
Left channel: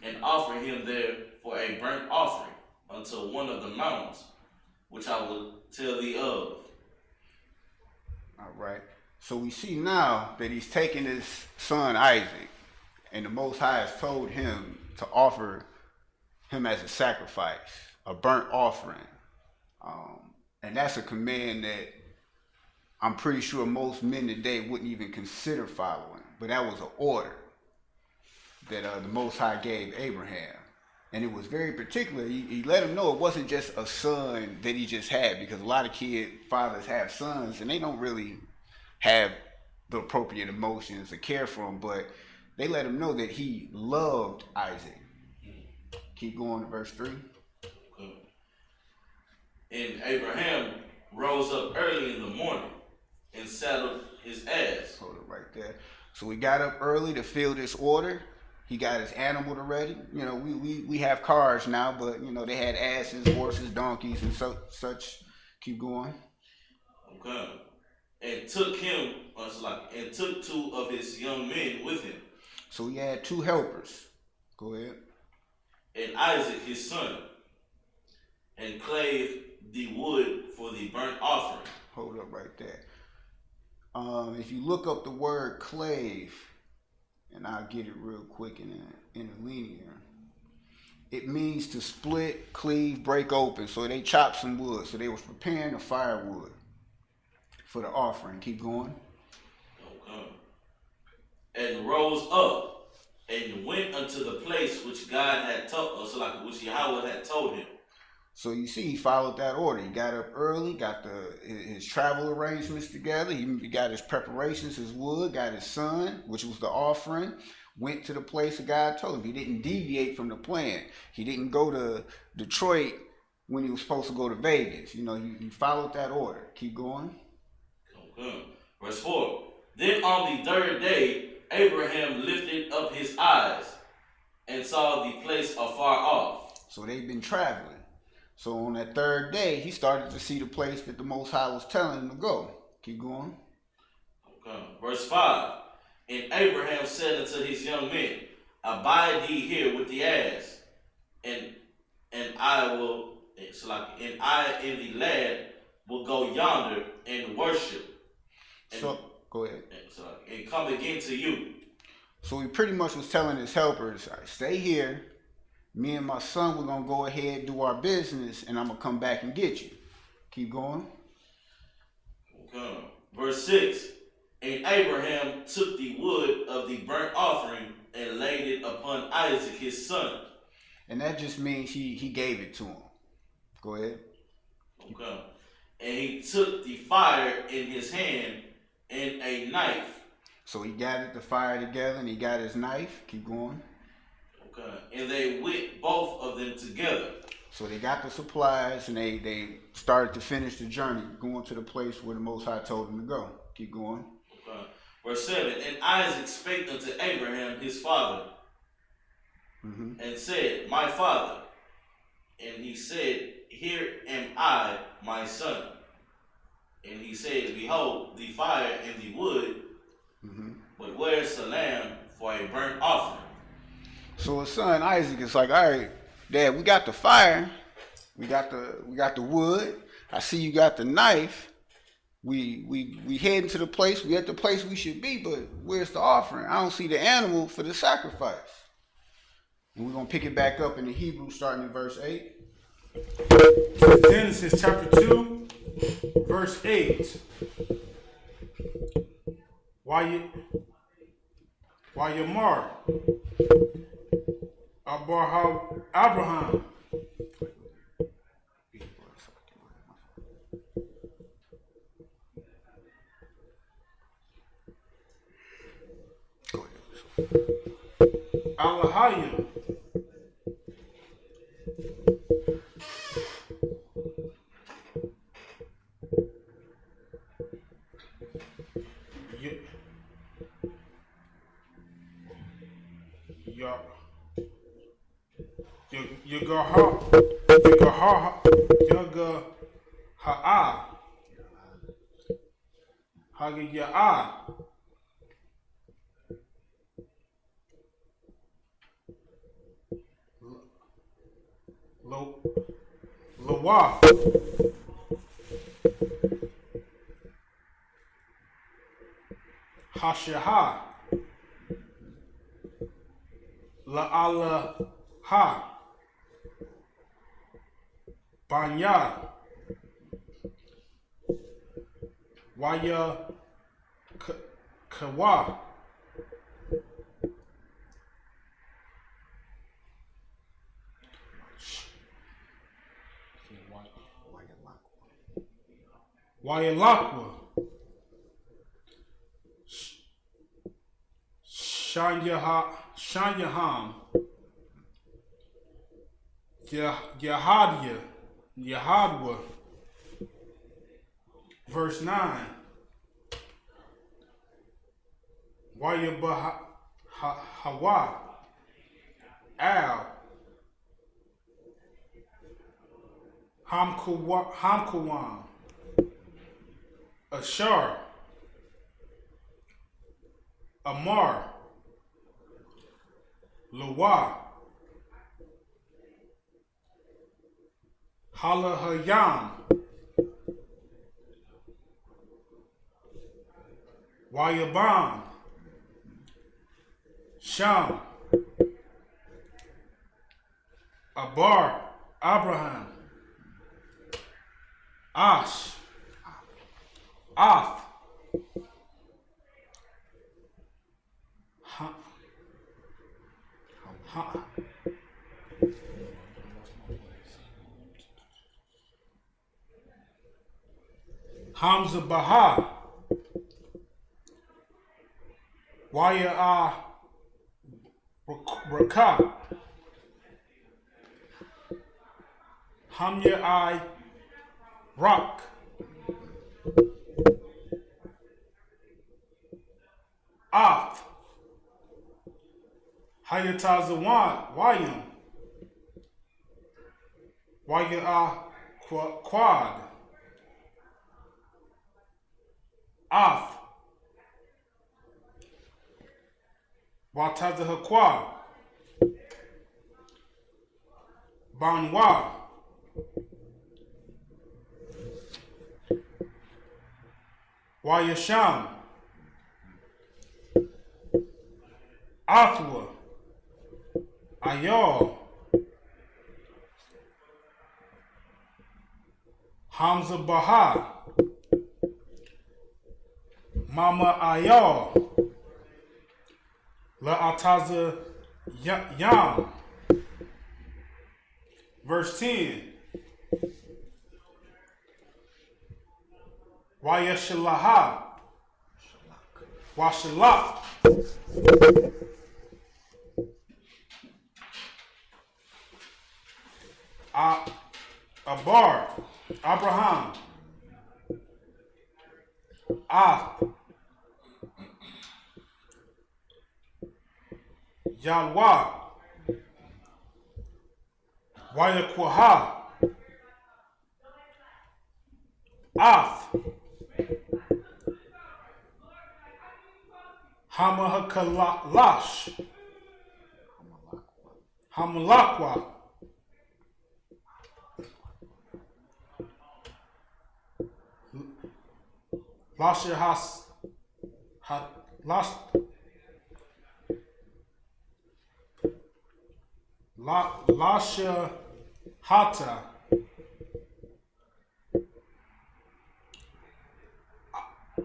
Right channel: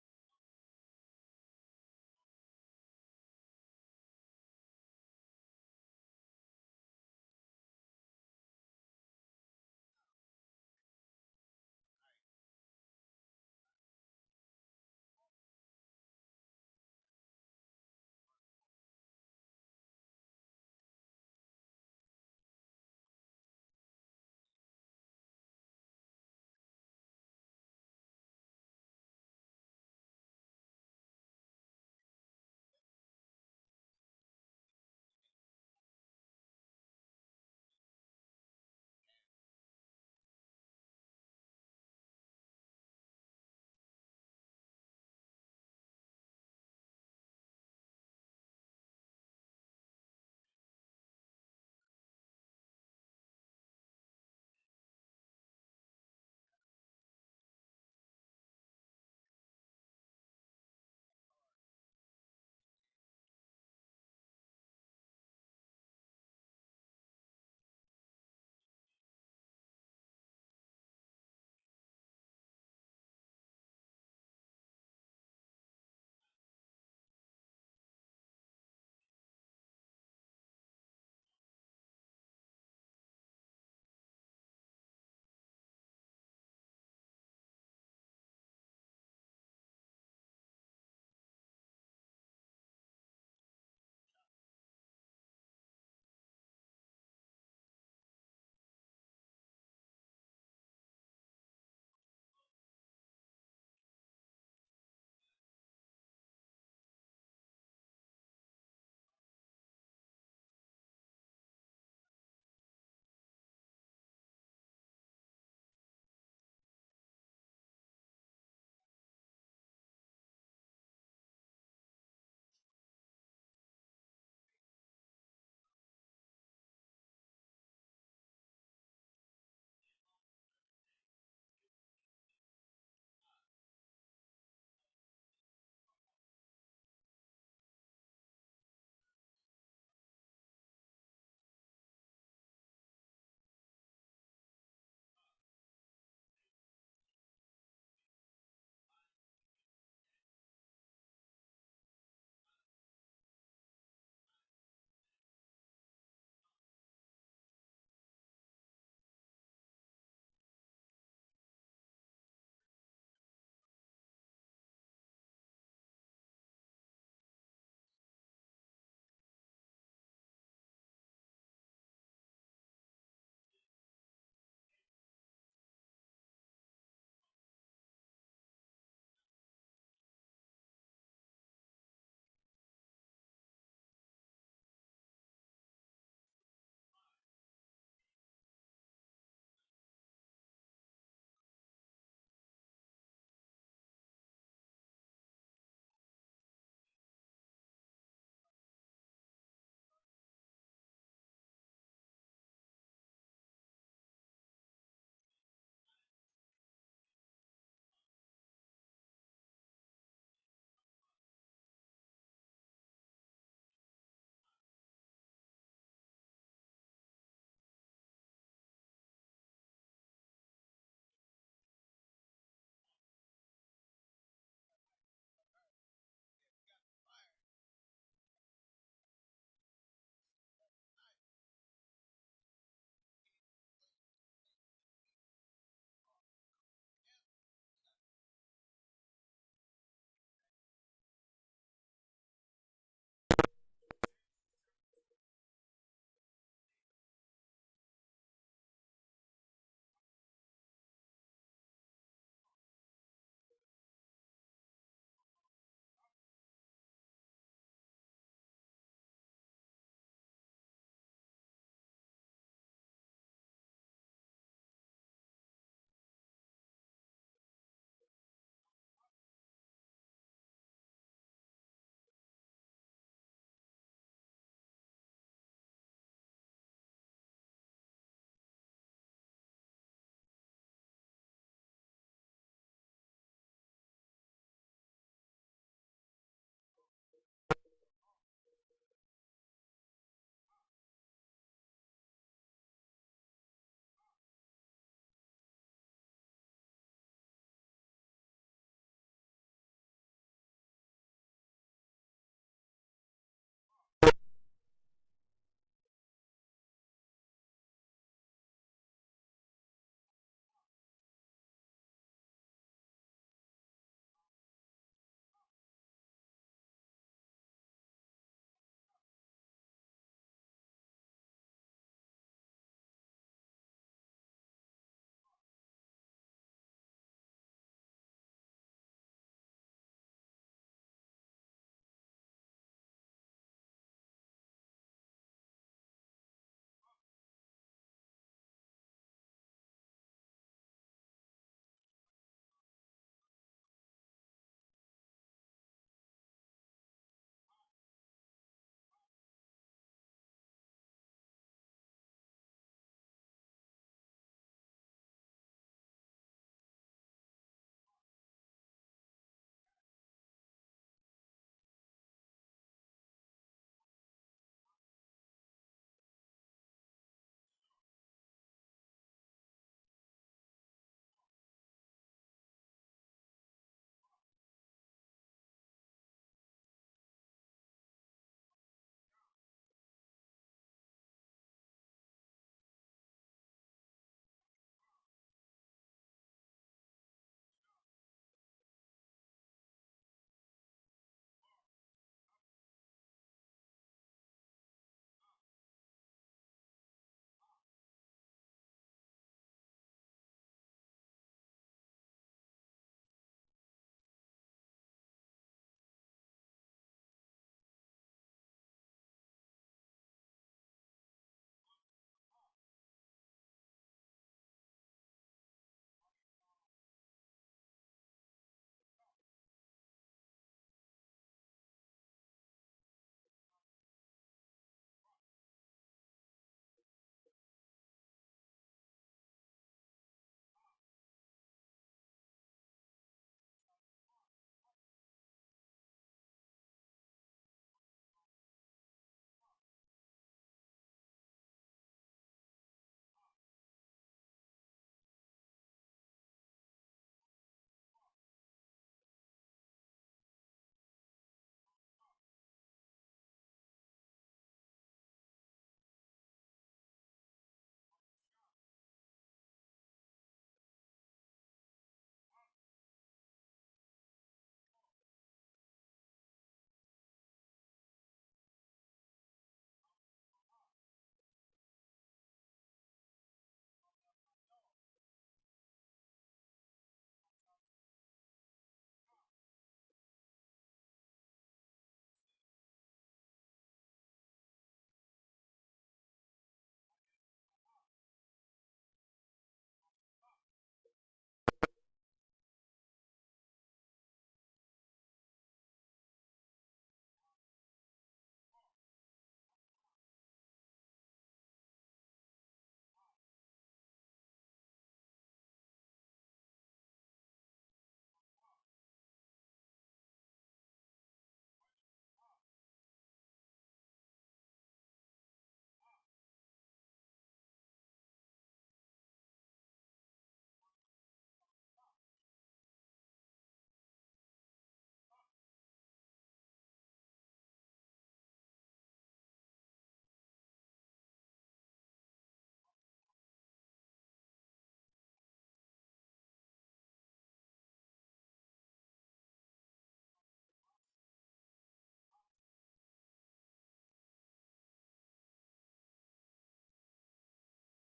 and offer him there for a burnt offering unto one of the mountains, which I will tell thee of. All right. So we see now that he's taken his son Isaac, and the Most High has told him to offer him as a sacrifice, a burnt offering. And that's a command that I'm pretty sure most men today wouldn't even consider following. But that was an order that the Most High gave Abraham. And it was very particular. He let him know it wasn't just a son that he just had, because a lot of fathers have sons and they don't really have the appropriate emotions or care for him, but they let him know that he loved Isaac. Keep going to verse 3. Okay. And Abraham rose up early in the morning and saddled his ass. Hold it right there. So he got up early to fill this order. He got his animal ready. You know, we have cars now, but you know they had asses, horses, donkeys, and such. Keep going. Okay. And took him, and took 2 of his young men with him. So he had 2 helpers. Go ahead. And Isaac his son, and clave the wood for the burnt offering. Hold up right there. If you look up the word clave, and I'll get it real quick in a linear, it means to split, cleave, break open. So they chopped some wood. So they was preparing the firewood for the offering. Keep going. Okay. And rose up and went unto the place which God had told us, which Yahweh had told him. So you see, he followed that order. He got up early, got his travel arrangements together. He got his preparations, his wood, got his son, which was the offering, went to the place that God told him. He didn't deviate from the plan. He didn't go to Detroit when he was supposed to go to Vegas. You know, he followed that order. Keep going. Okay. Verse 4. Then on the 3rd day, Abraham lifted up his eyes and saw the place afar off. So they've been traveling. So on that 3rd day, he started to see the place that the Most High was telling him to go. Keep going. Okay. Verse 5. And Abraham said unto his young men, Abide ye here with the ass, and I will, and I and the lad will go yonder and worship. So go ahead. And come again to you. So he pretty much was telling his helpers, stay here. Me and my son, we're going to go ahead, do our business, and I'm going to come back and get you. Keep going. Okay. Verse 6. And Abraham took the wood of the burnt offering and laid it upon Isaac his son. And that just means he gave it to him. Go ahead. Okay. And he took the fire in his hand and a knife. So he gathered the fire together and he got his knife. Keep going. Okay. And they went both of them together. So they got the supplies and they started to finish the journey, going to the place where the Most High told them to go. Keep going. Okay. Verse 7. And Isaac spake unto Abraham his father, and said, My father. And he said, Here am I, my son. And he said, Behold, the fire and the wood, but where's the lamb for a burnt offering? So his son Isaac is like, all right, Dad, we got the fire, we got the wood. I see you got the knife. we heading to the place, we at the place we should be, but where's the offering? I don't see the animal for the sacrifice. And we're gonna pick it back up in the Hebrew starting in verse 8. Genesis chapter 2, verse 8. Why you mar? Abraham. Alahayim. Lawa. Hashaha. La'alaha. Banya. Waya Kawa. Wayalakwa. Shanyaham. Yahadwa. Verse 9. Hawa. Al. Hamkuwan. Ashar. Amar. Lawa. Halahayam. Wayabam. Sham. Abar. Abraham. Ash. Ath. Hamza Baha. Waya Raka. Hamya I Rock. Ath. Hayatazawan. Wayam. Waya Quad. Ath. Watazahaqua. Banwa. Wayasham. Athwa. Ayal. Hamza Baha. Mama Ayal. La Ataza Yam. Verse 10. Wayashalaha. Washalak. Abar. Abraham. Yalwa. Wayakwaha. Ath. Hamahakalash. Hamalakwa. Lasha has ha, las, la, Lasha hata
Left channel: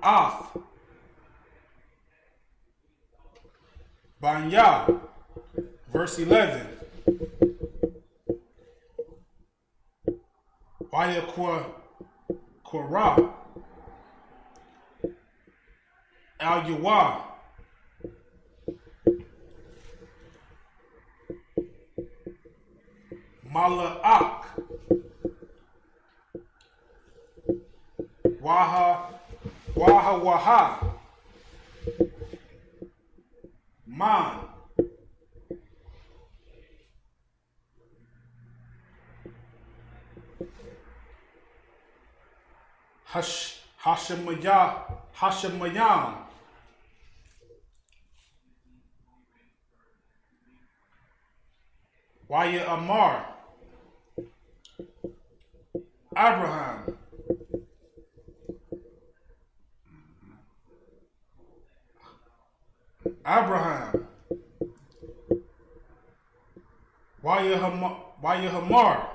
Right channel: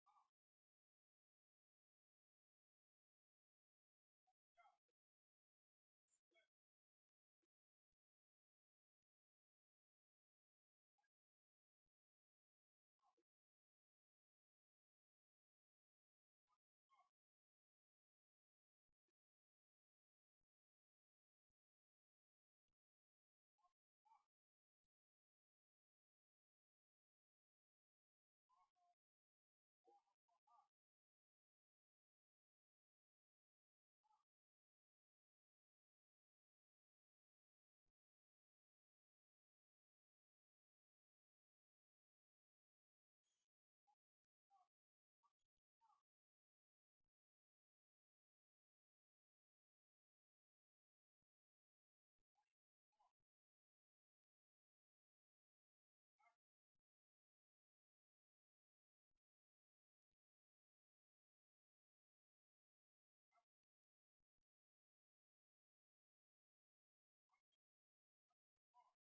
af banya. Verse 11. Waya Korah Al Yawa Mala'ak Waha Man Hashemayam Waya Amar Abraham Waya Hamar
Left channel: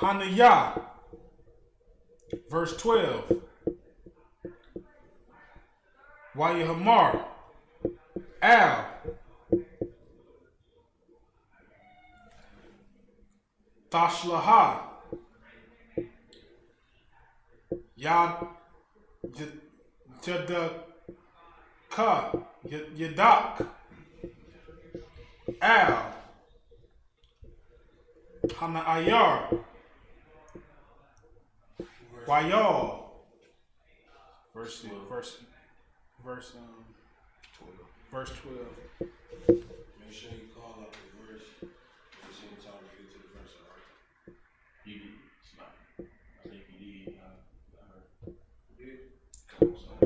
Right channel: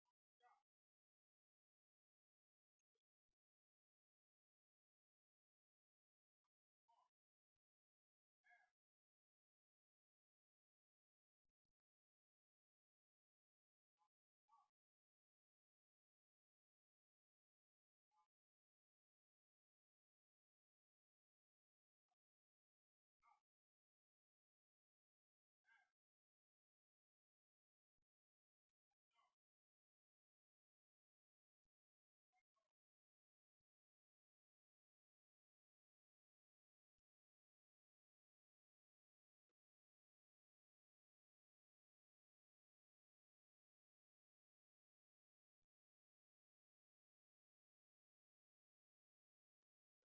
Hanayah. Verse 12. Waya Hamar Al Tashlaha Yad Jadaka Yadak Al Hana Ayar Wayal. Verse 12. Make sure you call out the verse at the same time we get to the verse, all right? You did. I think you did. I heard. Yeah. Come on, son.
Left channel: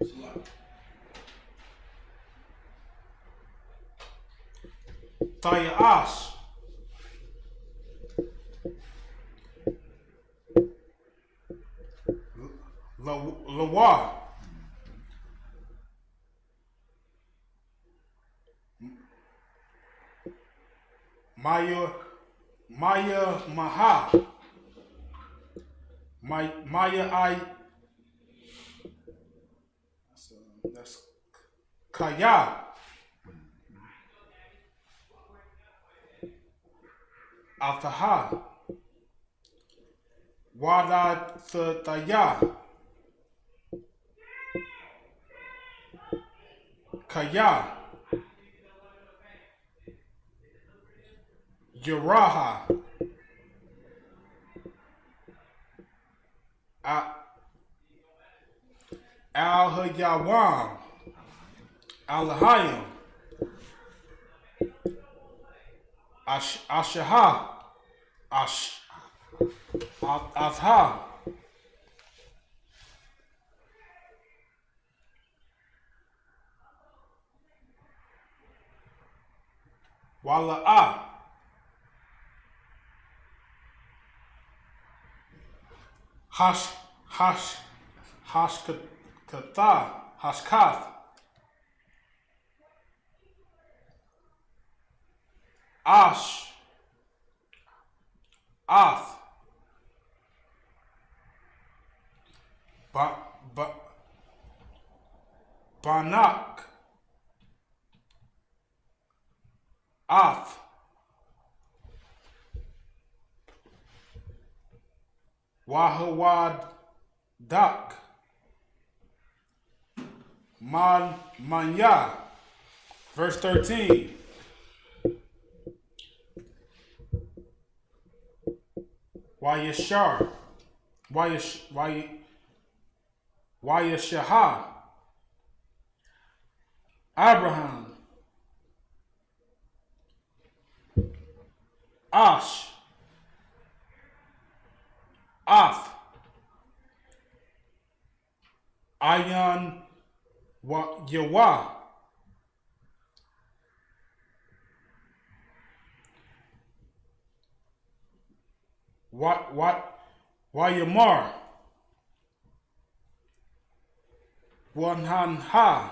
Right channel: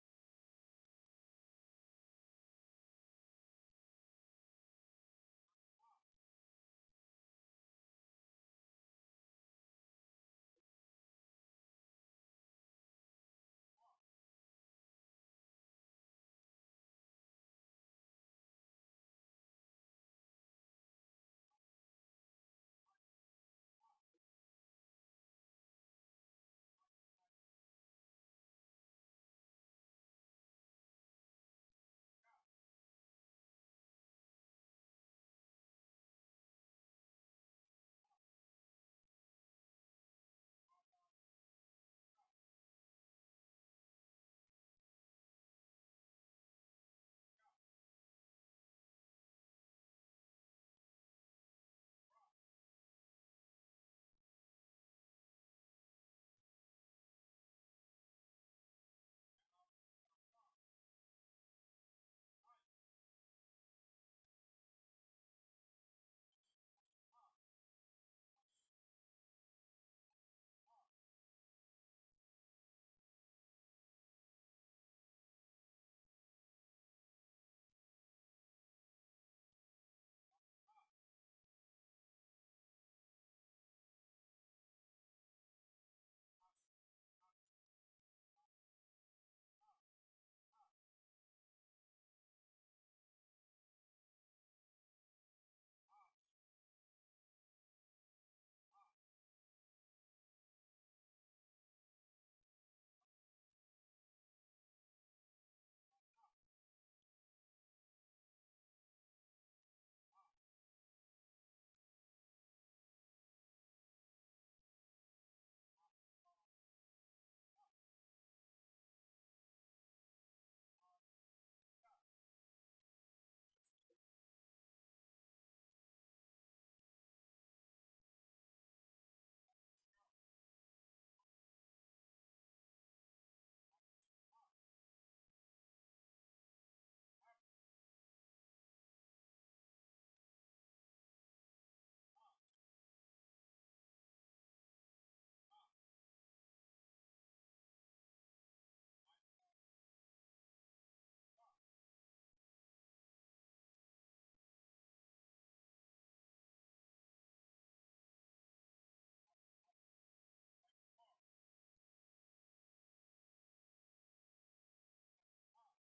It's a lot. Taya Ash Lawa Maya Maha Maya I. That's Kaya Altaha Wada Taya Kaya Yaraha Al-Hayawam Al-Hayam Ashaha Azha Wala'a Hashkath Ath Banak Ath Wahawad Dak Manya. Verse 13. Wayashar Wayashaha Abraham Ash Ath Ayan Yawa Wayamar. Wanhanha.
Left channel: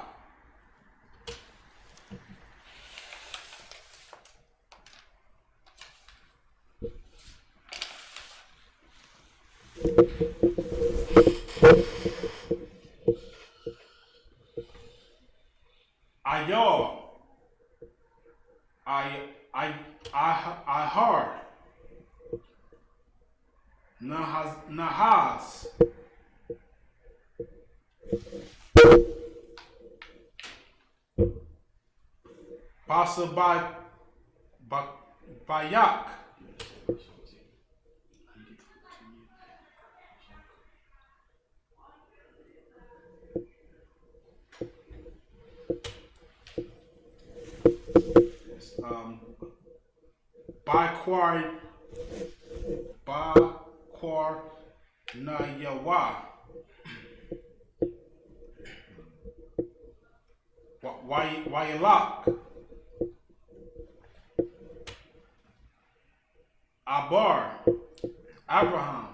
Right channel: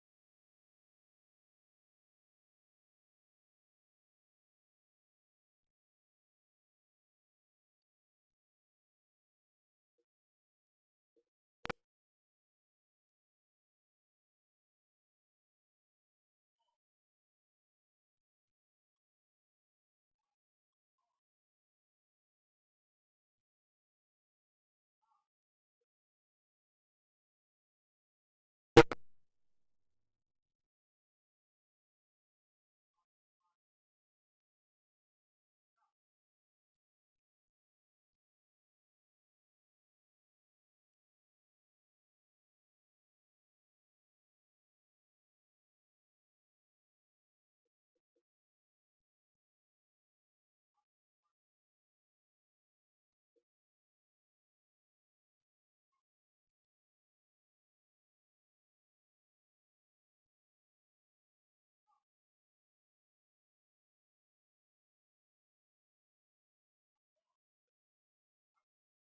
Ayar. I hard. Nahaz. Basa Bayak. Baquar na Yawa. Wayalak. Abar. Abraham.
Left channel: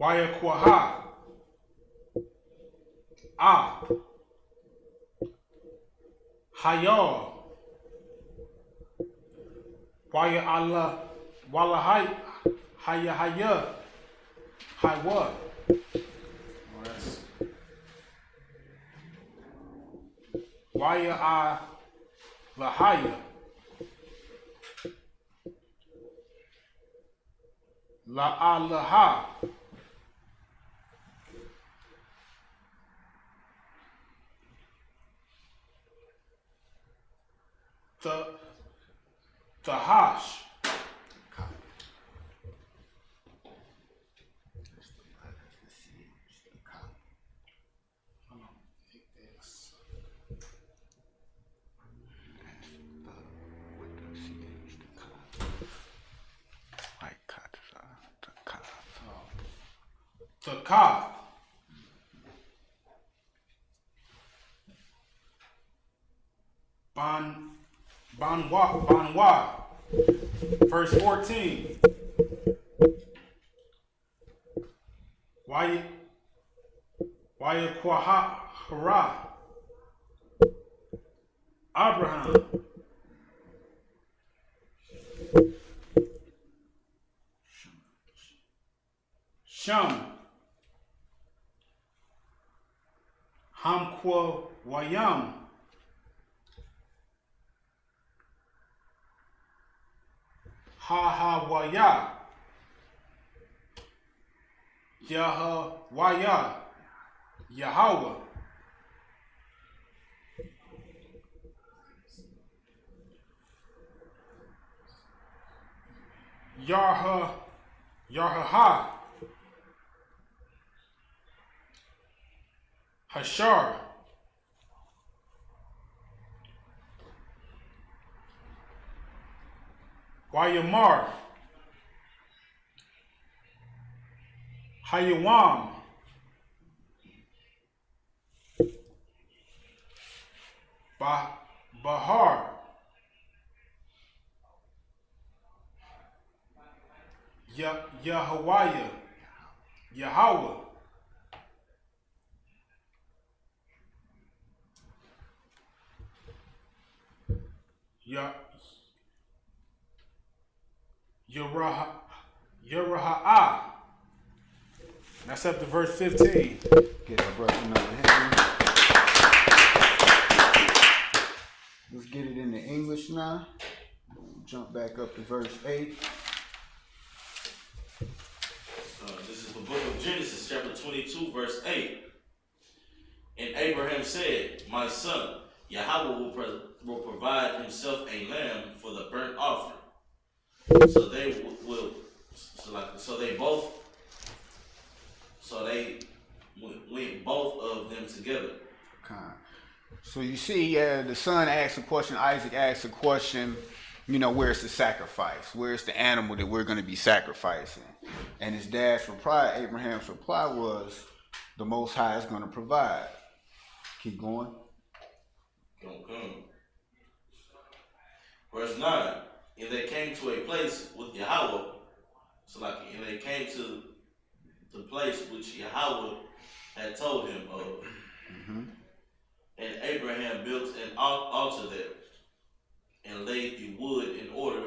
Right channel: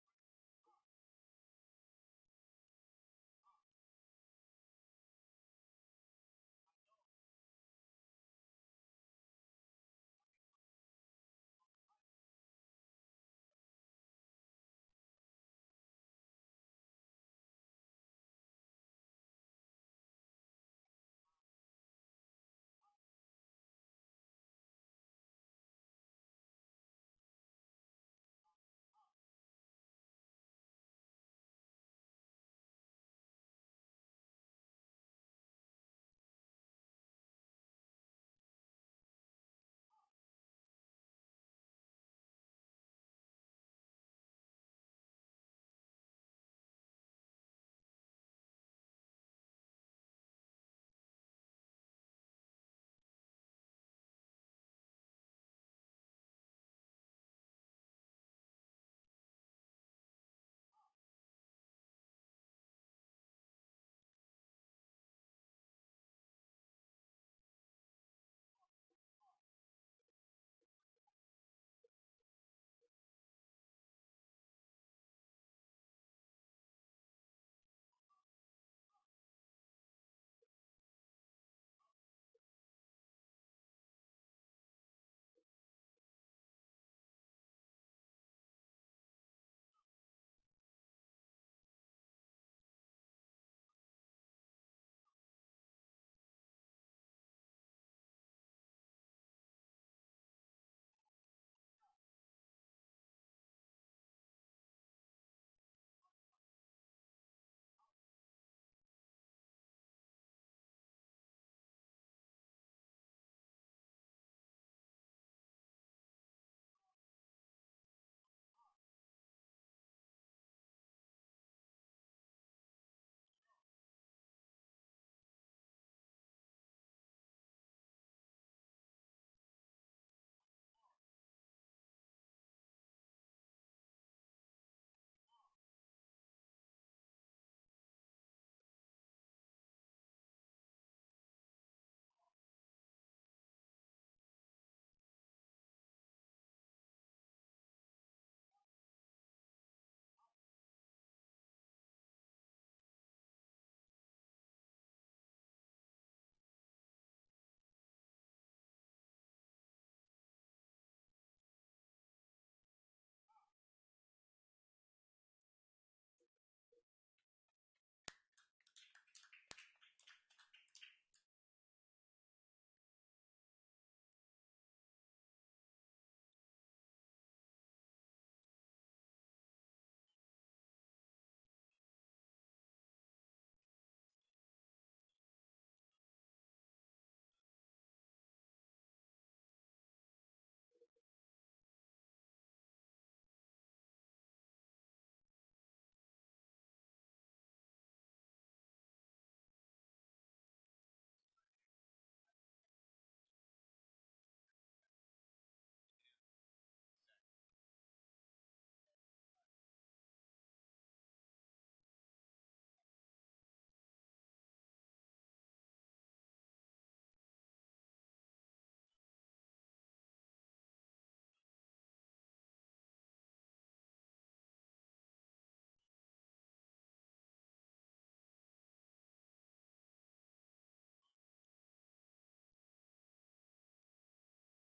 Wayakwaha. Hayal. Waya Allah. Wala Haya. Haywa. Waya Lahaya. La'alaha. The hash. The ka. Banwa. Verse 14. Why Kwahara. Abraham. Sham. Hamkwa Wayam. Waya. Waya. Yahweh. Yarha. Hashar. Wayamar. Hayawam. Bahar. Yahweh. Yahweh. Yeraha. That's up to verse 15. Get our brother another hand. Let's get it into English now. Jump back up to verse 8. This is the book of Genesis, chapter 22, verse 8. And Abraham said, "My son, Yahweh will provide himself a lamb for the burnt offering." So they went both of them together. So you see, the son asks a question, Isaac asks a question, where's the sacrifice? Where's the animal that we're going to be sacrificing? And his dad's reply, Abraham's reply was, the Most High is going to provide. Keep going. Verse 9. and they came to a place with Yahweh. So like, and they came to the place which Yahweh had told him of. Mm-hmm. And Abraham built an altar there, and laid the wood in order,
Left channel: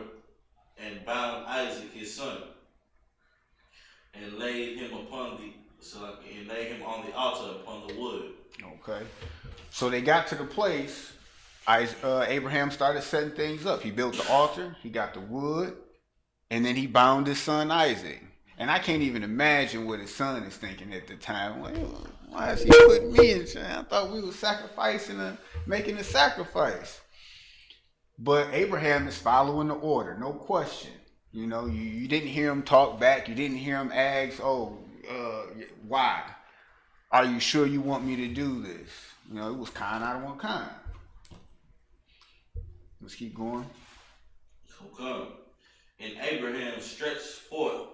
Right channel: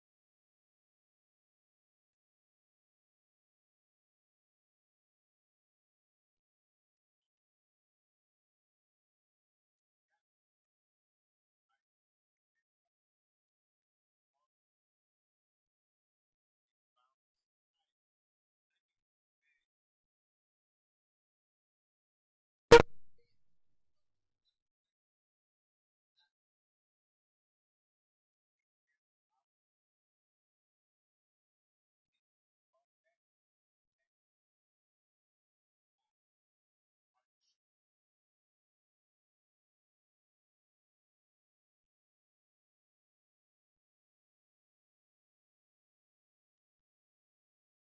and bound Isaac his son, and laid him on the altar upon the wood. Okay. So they got to the place. Abraham started setting things up. He built the altar. He got the wood, and then he bound his son Isaac. And I can't even imagine what his son is thinking at the time. Well, why is he putting me in? I thought we were sacrificing making a sacrifice. But Abraham is following the order, no question. You know, you didn't hear him talk back. You didn't hear him ask, why? Are you sure you want me to do this? You know, it was kind out of one kind. Let's keep going. So come. And Abraham stretched forth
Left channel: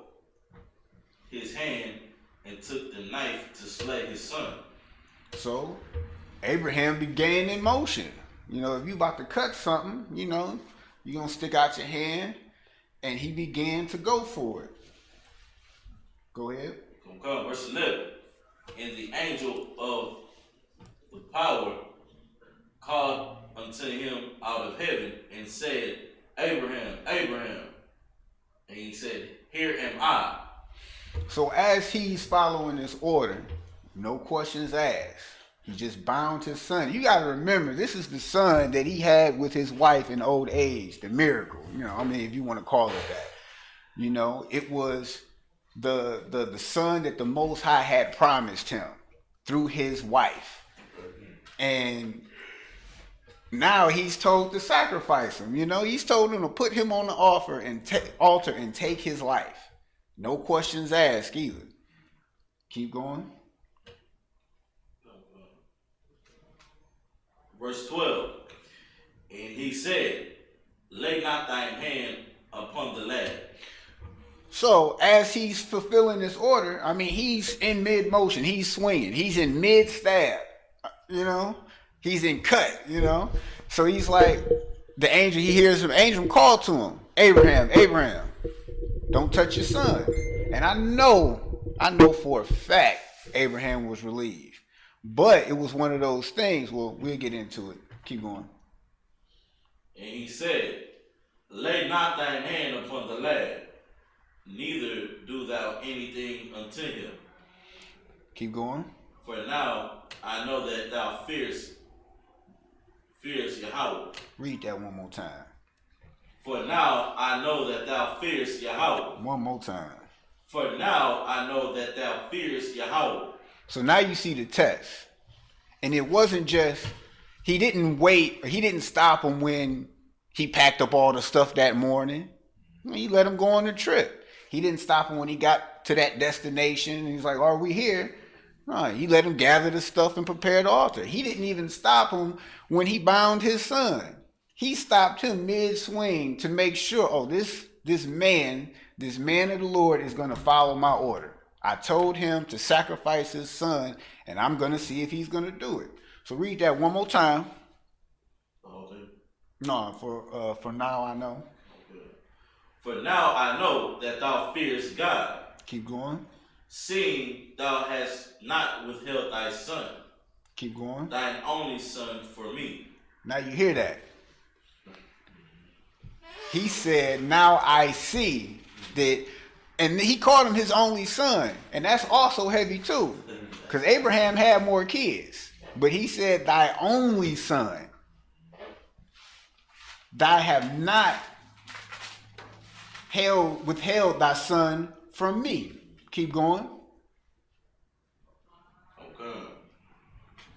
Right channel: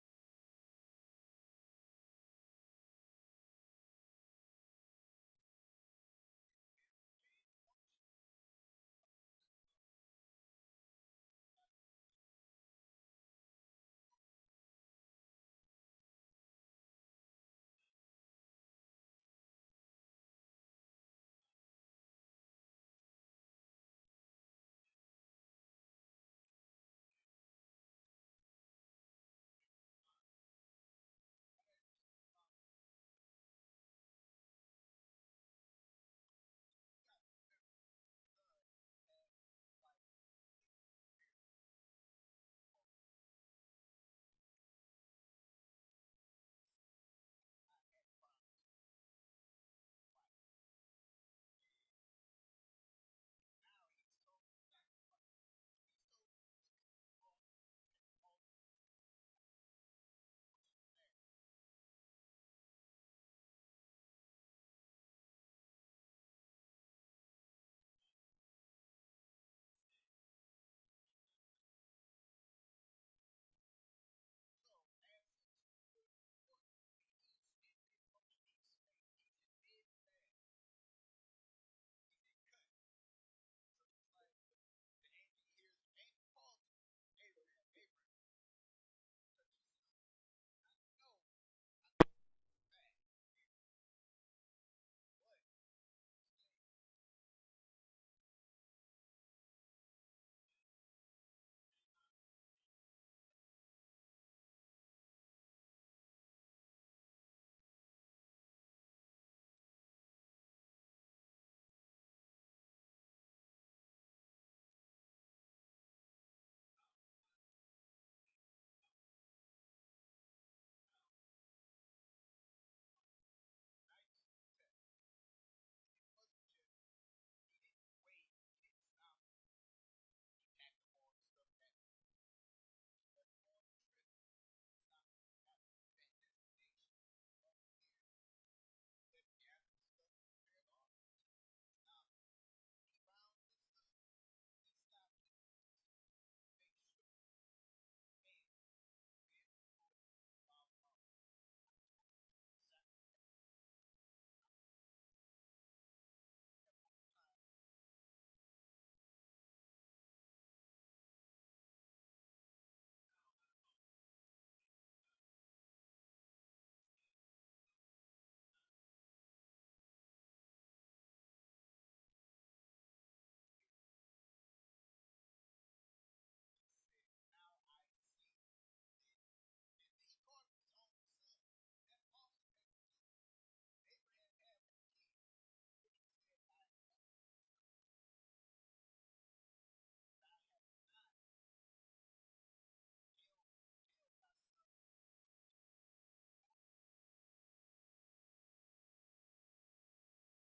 his hand and took the knife to slay his son. So Abraham began in motion. You know, if you about to cut something, you know, you're going to stick out your hand, and he began to go for it. Go ahead. Come, verse 11. And the angel of the power called unto him out of heaven and said, Abraham, Abraham. And he said, Here am I. So as he's following this order, no questions asked. He just bound his son. You got to remember, this is the son that he had with his wife in old age, the miracle. You know, I mean, if you want to call it that. You know, it was the son that the Most High had promised him through his wife. And now he's told to sacrifice him. You know, he's told him to put him on the altar and take his life. No questions asked either. Keep going. Verse 12. And he said, Lay not thine hand upon the lad. So as he's fulfilling this order, I mean, he's in mid-motion. He's swinging. He's in mid-stab. You know? He's in cut, you know? So he's like, the angel, he hears him. Angel call to him. Abraham, Abraham, don't touch your son. And I know for a fact Abraham was relieved. But it was one of those things. Well, we'll get into it. Keep going. And he said, Lay not thine hand upon the lad, neither do thou anything unto him. Keep going. For now I know that thou fearest Yahweh. Read that one more time. For now I know that thou fearest Yahweh. One more time. For now I know that thou fearest Yahweh. So now you see the test. And it wasn't just, he didn't wait, or he didn't stop him when he packed up all the stuff that morning. He let him go on the trip. He didn't stop him when he got to that destination. He's like, are we here? No, he let him gather the stuff and prepare the altar. He didn't even stop him when he bound his son. He stopped him mid-swing to make sure, this man of the Lord is going to follow my order. I told him to sacrifice his son, and I'm going to see if he's going to do it. So read that one more time. Okay. No, for now I know. Okay. For now I know that thou fearest God. Keep going. Seeing thou hast not withheld thy son. Keep going. Thine only son for me. Now you hear that. He said, now I see that. And he called him his only son. And that's also heavy too. Because Abraham had more kids. But he said, thy only son. Thou have not withheld thy son from me. Keep going. Okay.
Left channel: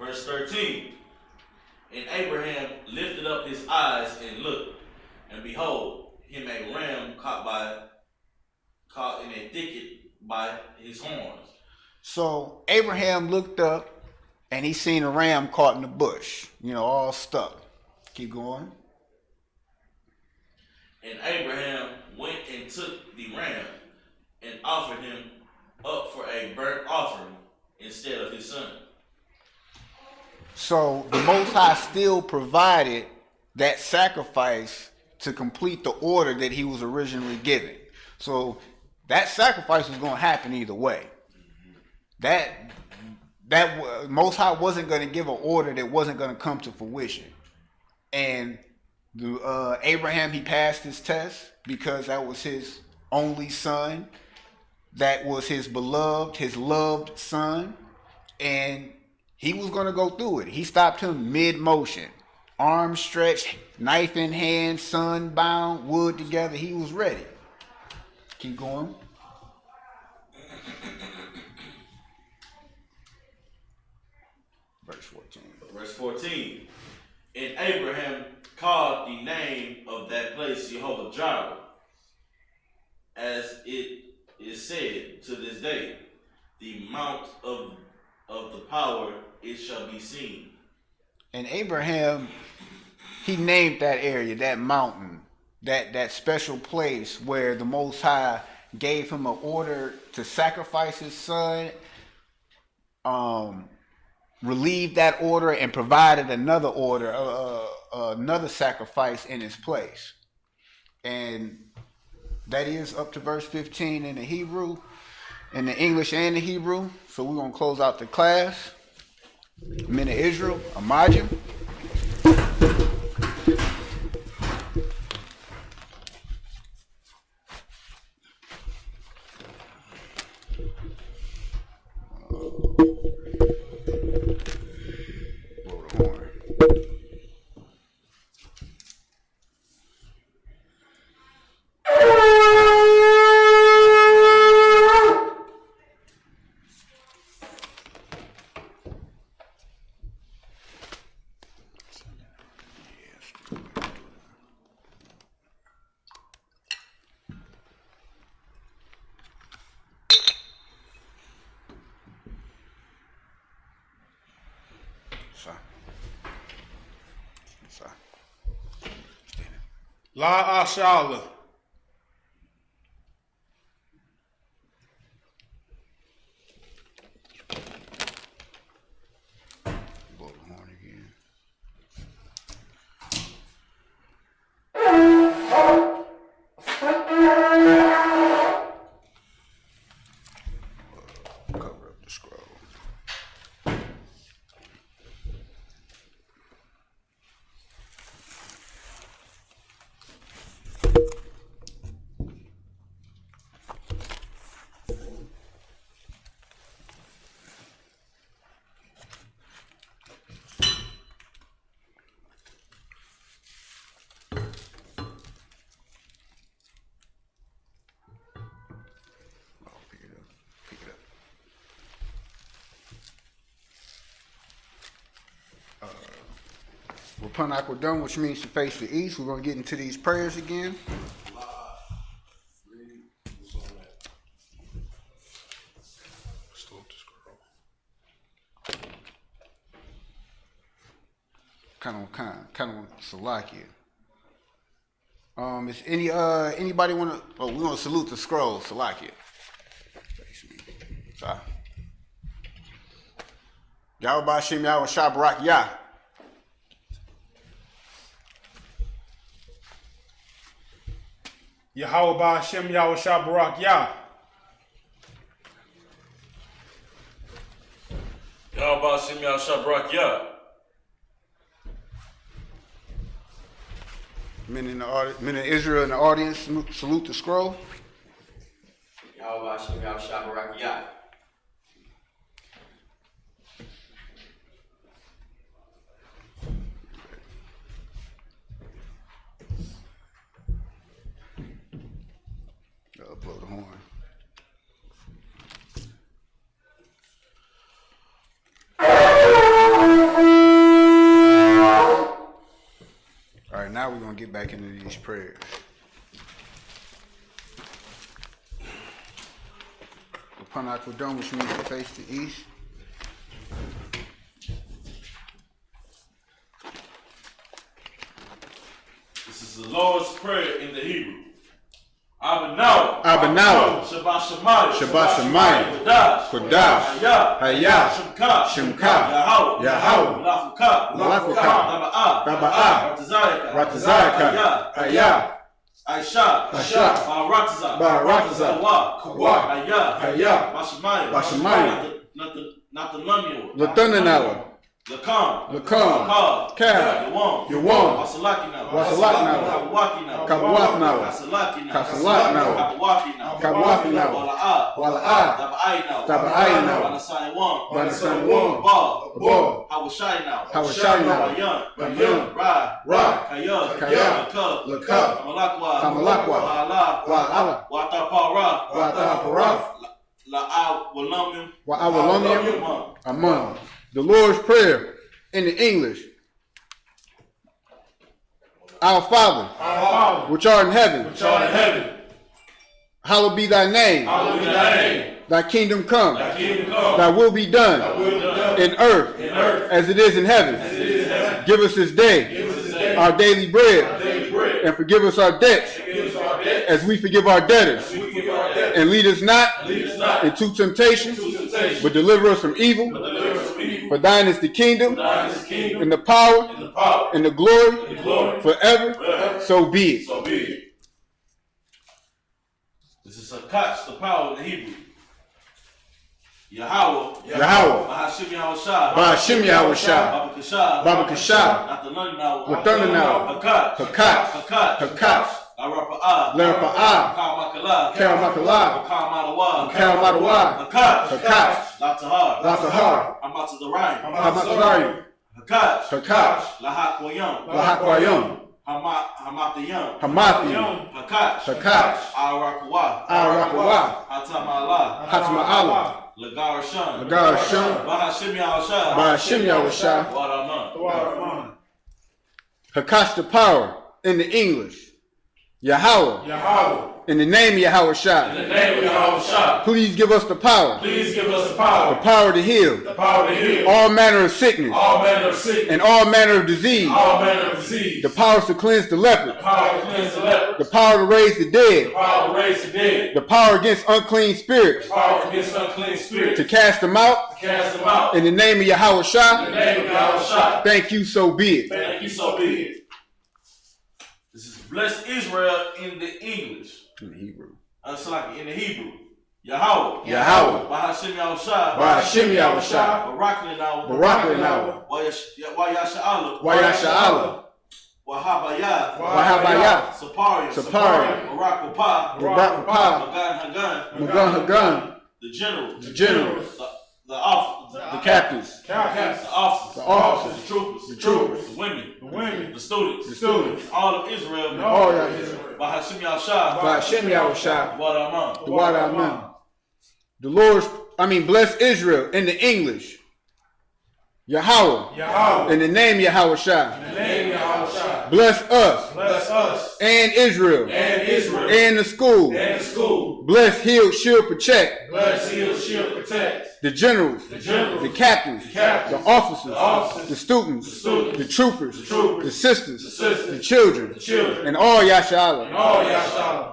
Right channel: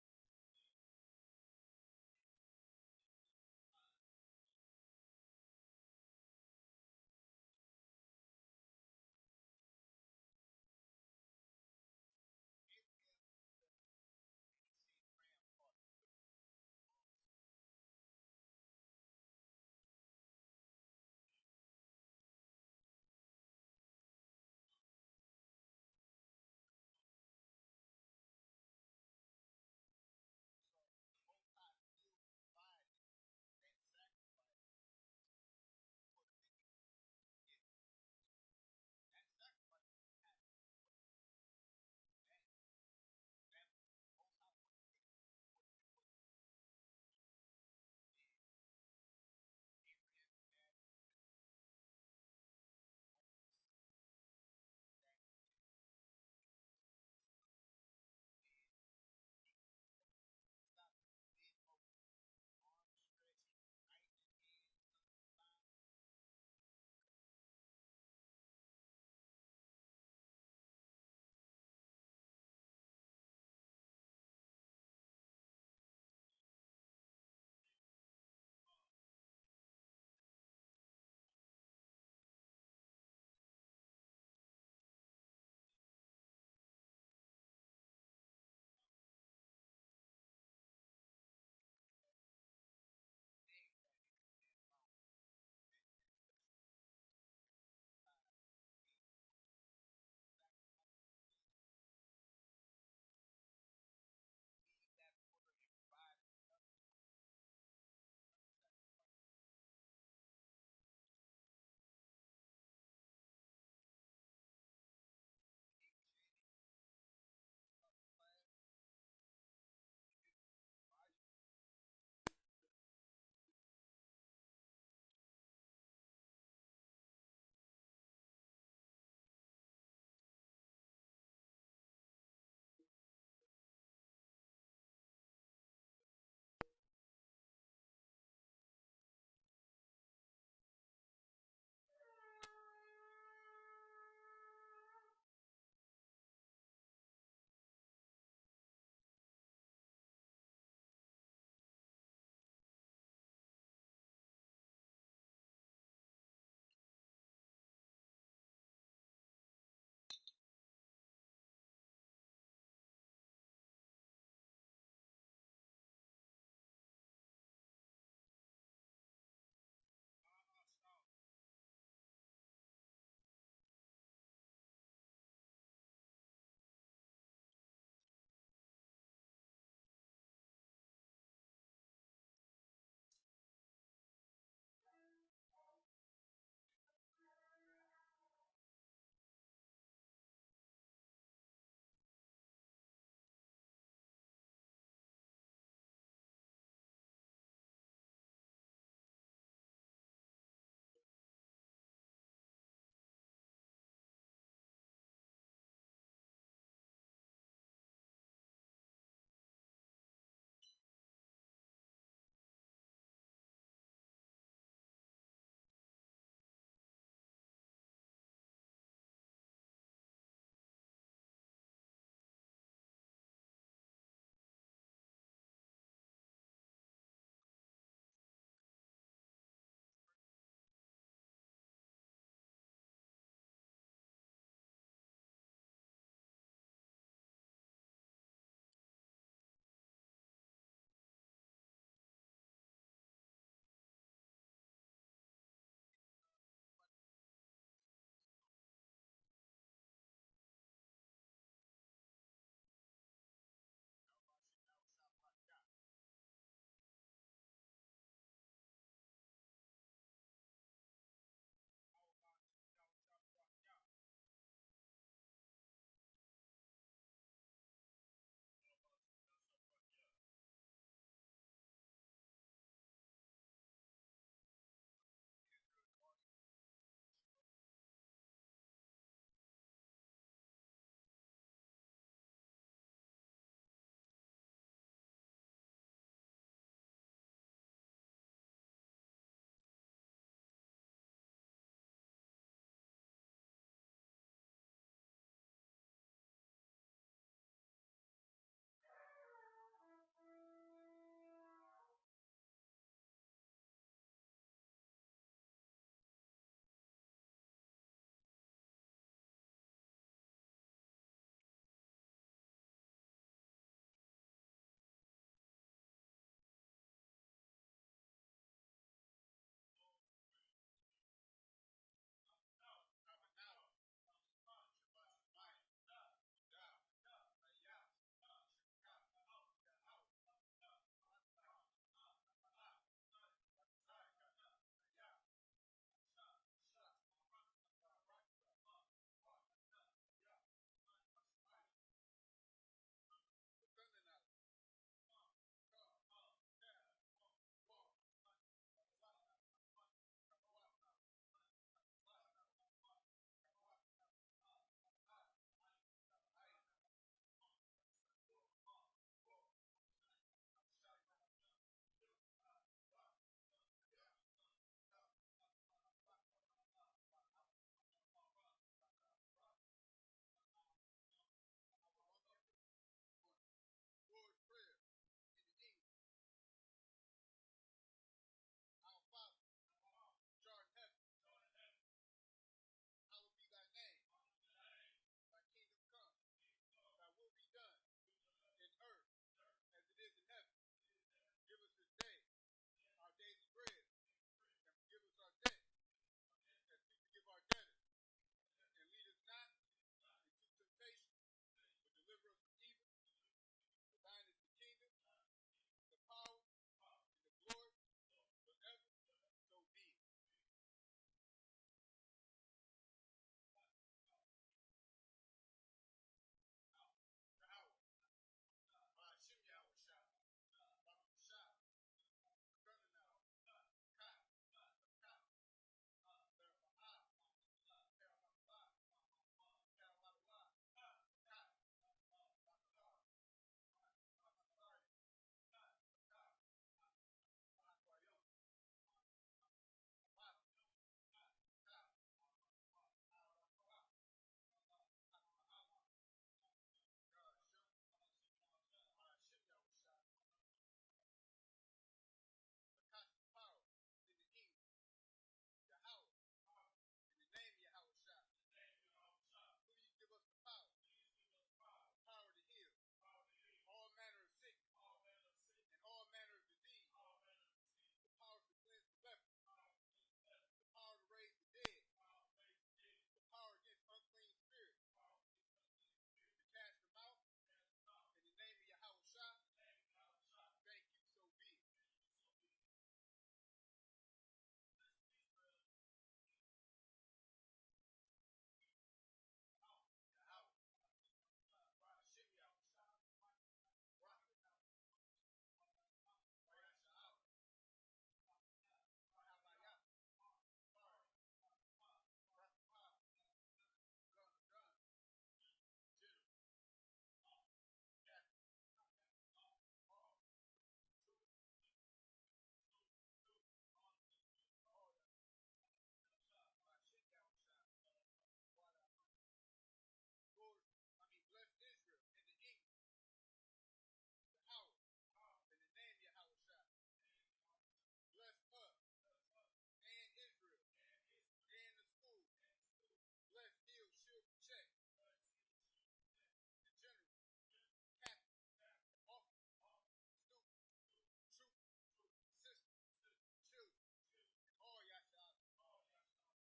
Verse 13. And Abraham lifted up his eyes and looked. And behold, him a ram caught in a thicket by his horns. So Abraham looked up and he seen a ram caught in the bush, all stuck. Keep going. And Abraham went and took the ram and offered him up for a burnt offering instead of his son. So the Most High still provided that sacrifice to complete the order that he was originally given. So that sacrifice was going to happen either way. That Most High wasn't going to give an order that wasn't going to come to fruition. And Abraham, he passed his test because that was his only son. That was his beloved, his loved son. And he was going to go through it. He stopped him mid-motion. Arms stretched, knife in hand, sun bound, wood together. He was ready. Keep going. Verse 14. Verse 14. And Abraham called the name of that place Jehovah Jireh, as it is said to this day, the mount of the power it shall be seen. And Abraham, he named that area, that mountain, that special place where the Most High gave him an order to sacrifice his son, relieved that order, and provided another order, another sacrifice in his place. And that is up to verse 15 in the Hebrew, in the English and the Hebrew. So we're going to close out the class. Men of Israel, Amajim. Blow the horn. La Ashala. Blow the horn again. Cover up the scroll. Pick it up. Rapanak, we're done, which means to face the east. We're going to get into these prayers again. Kind of Salakia. Is anybody want to? Oh, we're gonna salute the scroll, Salakia. Yahweh Hashem Yahweh Shabarak Yah. Yahweh Hashem Yahweh Shabarak Yah. Yahweh Hashem Yahweh Shabarak Yah. Men of Israel in the audience, salute the scroll. Yahweh Hashem Yahweh Shabarak Yah. Blow the horn. All right, now we're going to get back into these prayers. Upon Aquadome, which means to face the east. This is the Lord's Prayer in the Hebrew. Abanawa. Abanawa. Shabbat Shemayim. Shabbat Shemayim. Kodash. Kodash. Hayah. Hayah. Shemka. Shemka. Yahweh. Yahweh. Malafuka. Malafuka. Taba'ah. Ratazayaka. Ratazayaka. Hayah. Aisha. Aisha. Barataza. Barataza. Kawa. Hayah. Hayah. Bashamayim. Bashamayim. Not the Nunio. Latunanawa. Lakam. Lakam. Kab. Yawam. Yawam. Wasalaki now. Wasalaki now. Kabawaki now. Kabawaki now. Kasalaki now. Kasalaki now. Kabawaki now. Kabawaki now. Wala'a. Wala'a. Tabai now. Tabai now. Wanasai Wam. Wanasai Wam. Ba. Hawashai now. Hawashai now. Bayan. Bayan. Ra. Kaya. Kaya. Lakab. Kamalakwa. Kamalakwa. Wa'ala. Wa'ala. Watapara. Watapara. La'a Walamium. Wa'awalamium. Among. The Lord's Prayer in the English. Our Father, which art in heaven, hallowed be thy name. Thy kingdom come. Thy will be done in earth as it is in heaven. Give us this day our daily bread, and forgive us our debts as we forgive our debtors. And lead us not into temptation, but deliver us from evil. For thine is the kingdom, and the power, and the glory, forever. So be it. This is a catch, the power in the Hebrew. Yahweh. Bahashim Yahushua. Bahashim Yahushua. Baba Kasha. Baba Kasha. Nathanahu. Hakat. Larapa'ah. Karamakala. Karamatawa. Hakat. Latahar. Hamatazarayim. Hakat. Lahakwayam. Hamathiyam. Hakat. Arakwa. Hatama'ala. Lagarasham. Bahashim Yahushua. Waraman. Hakash the power in the English. Yahweh. In the name of Yahushua. Please give us the power. The power to heal. All manner of sickness. And all manner of disease. The power to cleanse the leper. The power to raise the dead. The power against unclean spirits. To cast them out. In the name of Yahushua. Thank you, so be it. This is bless Israel in the English. In the Hebrew. In the Hebrew. Yahweh. Bahashim Yahushua. Barakli Wayasha'ala. Wahabaya. Sapari. Barakupah. Magan Hagan. The generals. The officers. The captains. The officers. The troopers. The women. The students. All of Israel. Bahashim Yahushua. Waraman. Bless Israel in the English. Yahweh. In the name Yahushua. Bless us. And Israel. And the school. Bless, heal, shield, protect. The generals. The captains. The officers. The students. The troopers. The sisters. The children. And all Yasha'Allah.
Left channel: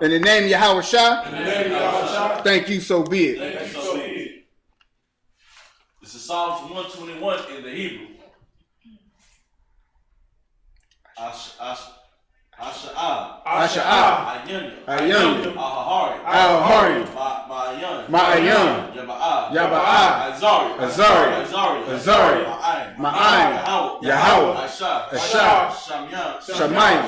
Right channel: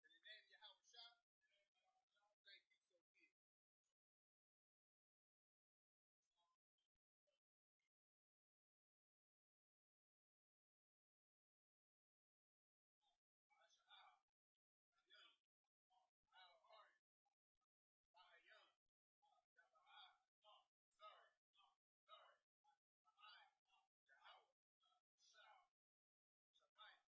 In the name Yahushua. Thank you, so be it. This is Psalms 121 in the Hebrew. Asha'ah. Ayun. Ahari. Ma'ayun. Yaba'ah. Azari. Ma'ayin. Yahweh. Asha. Shamayim.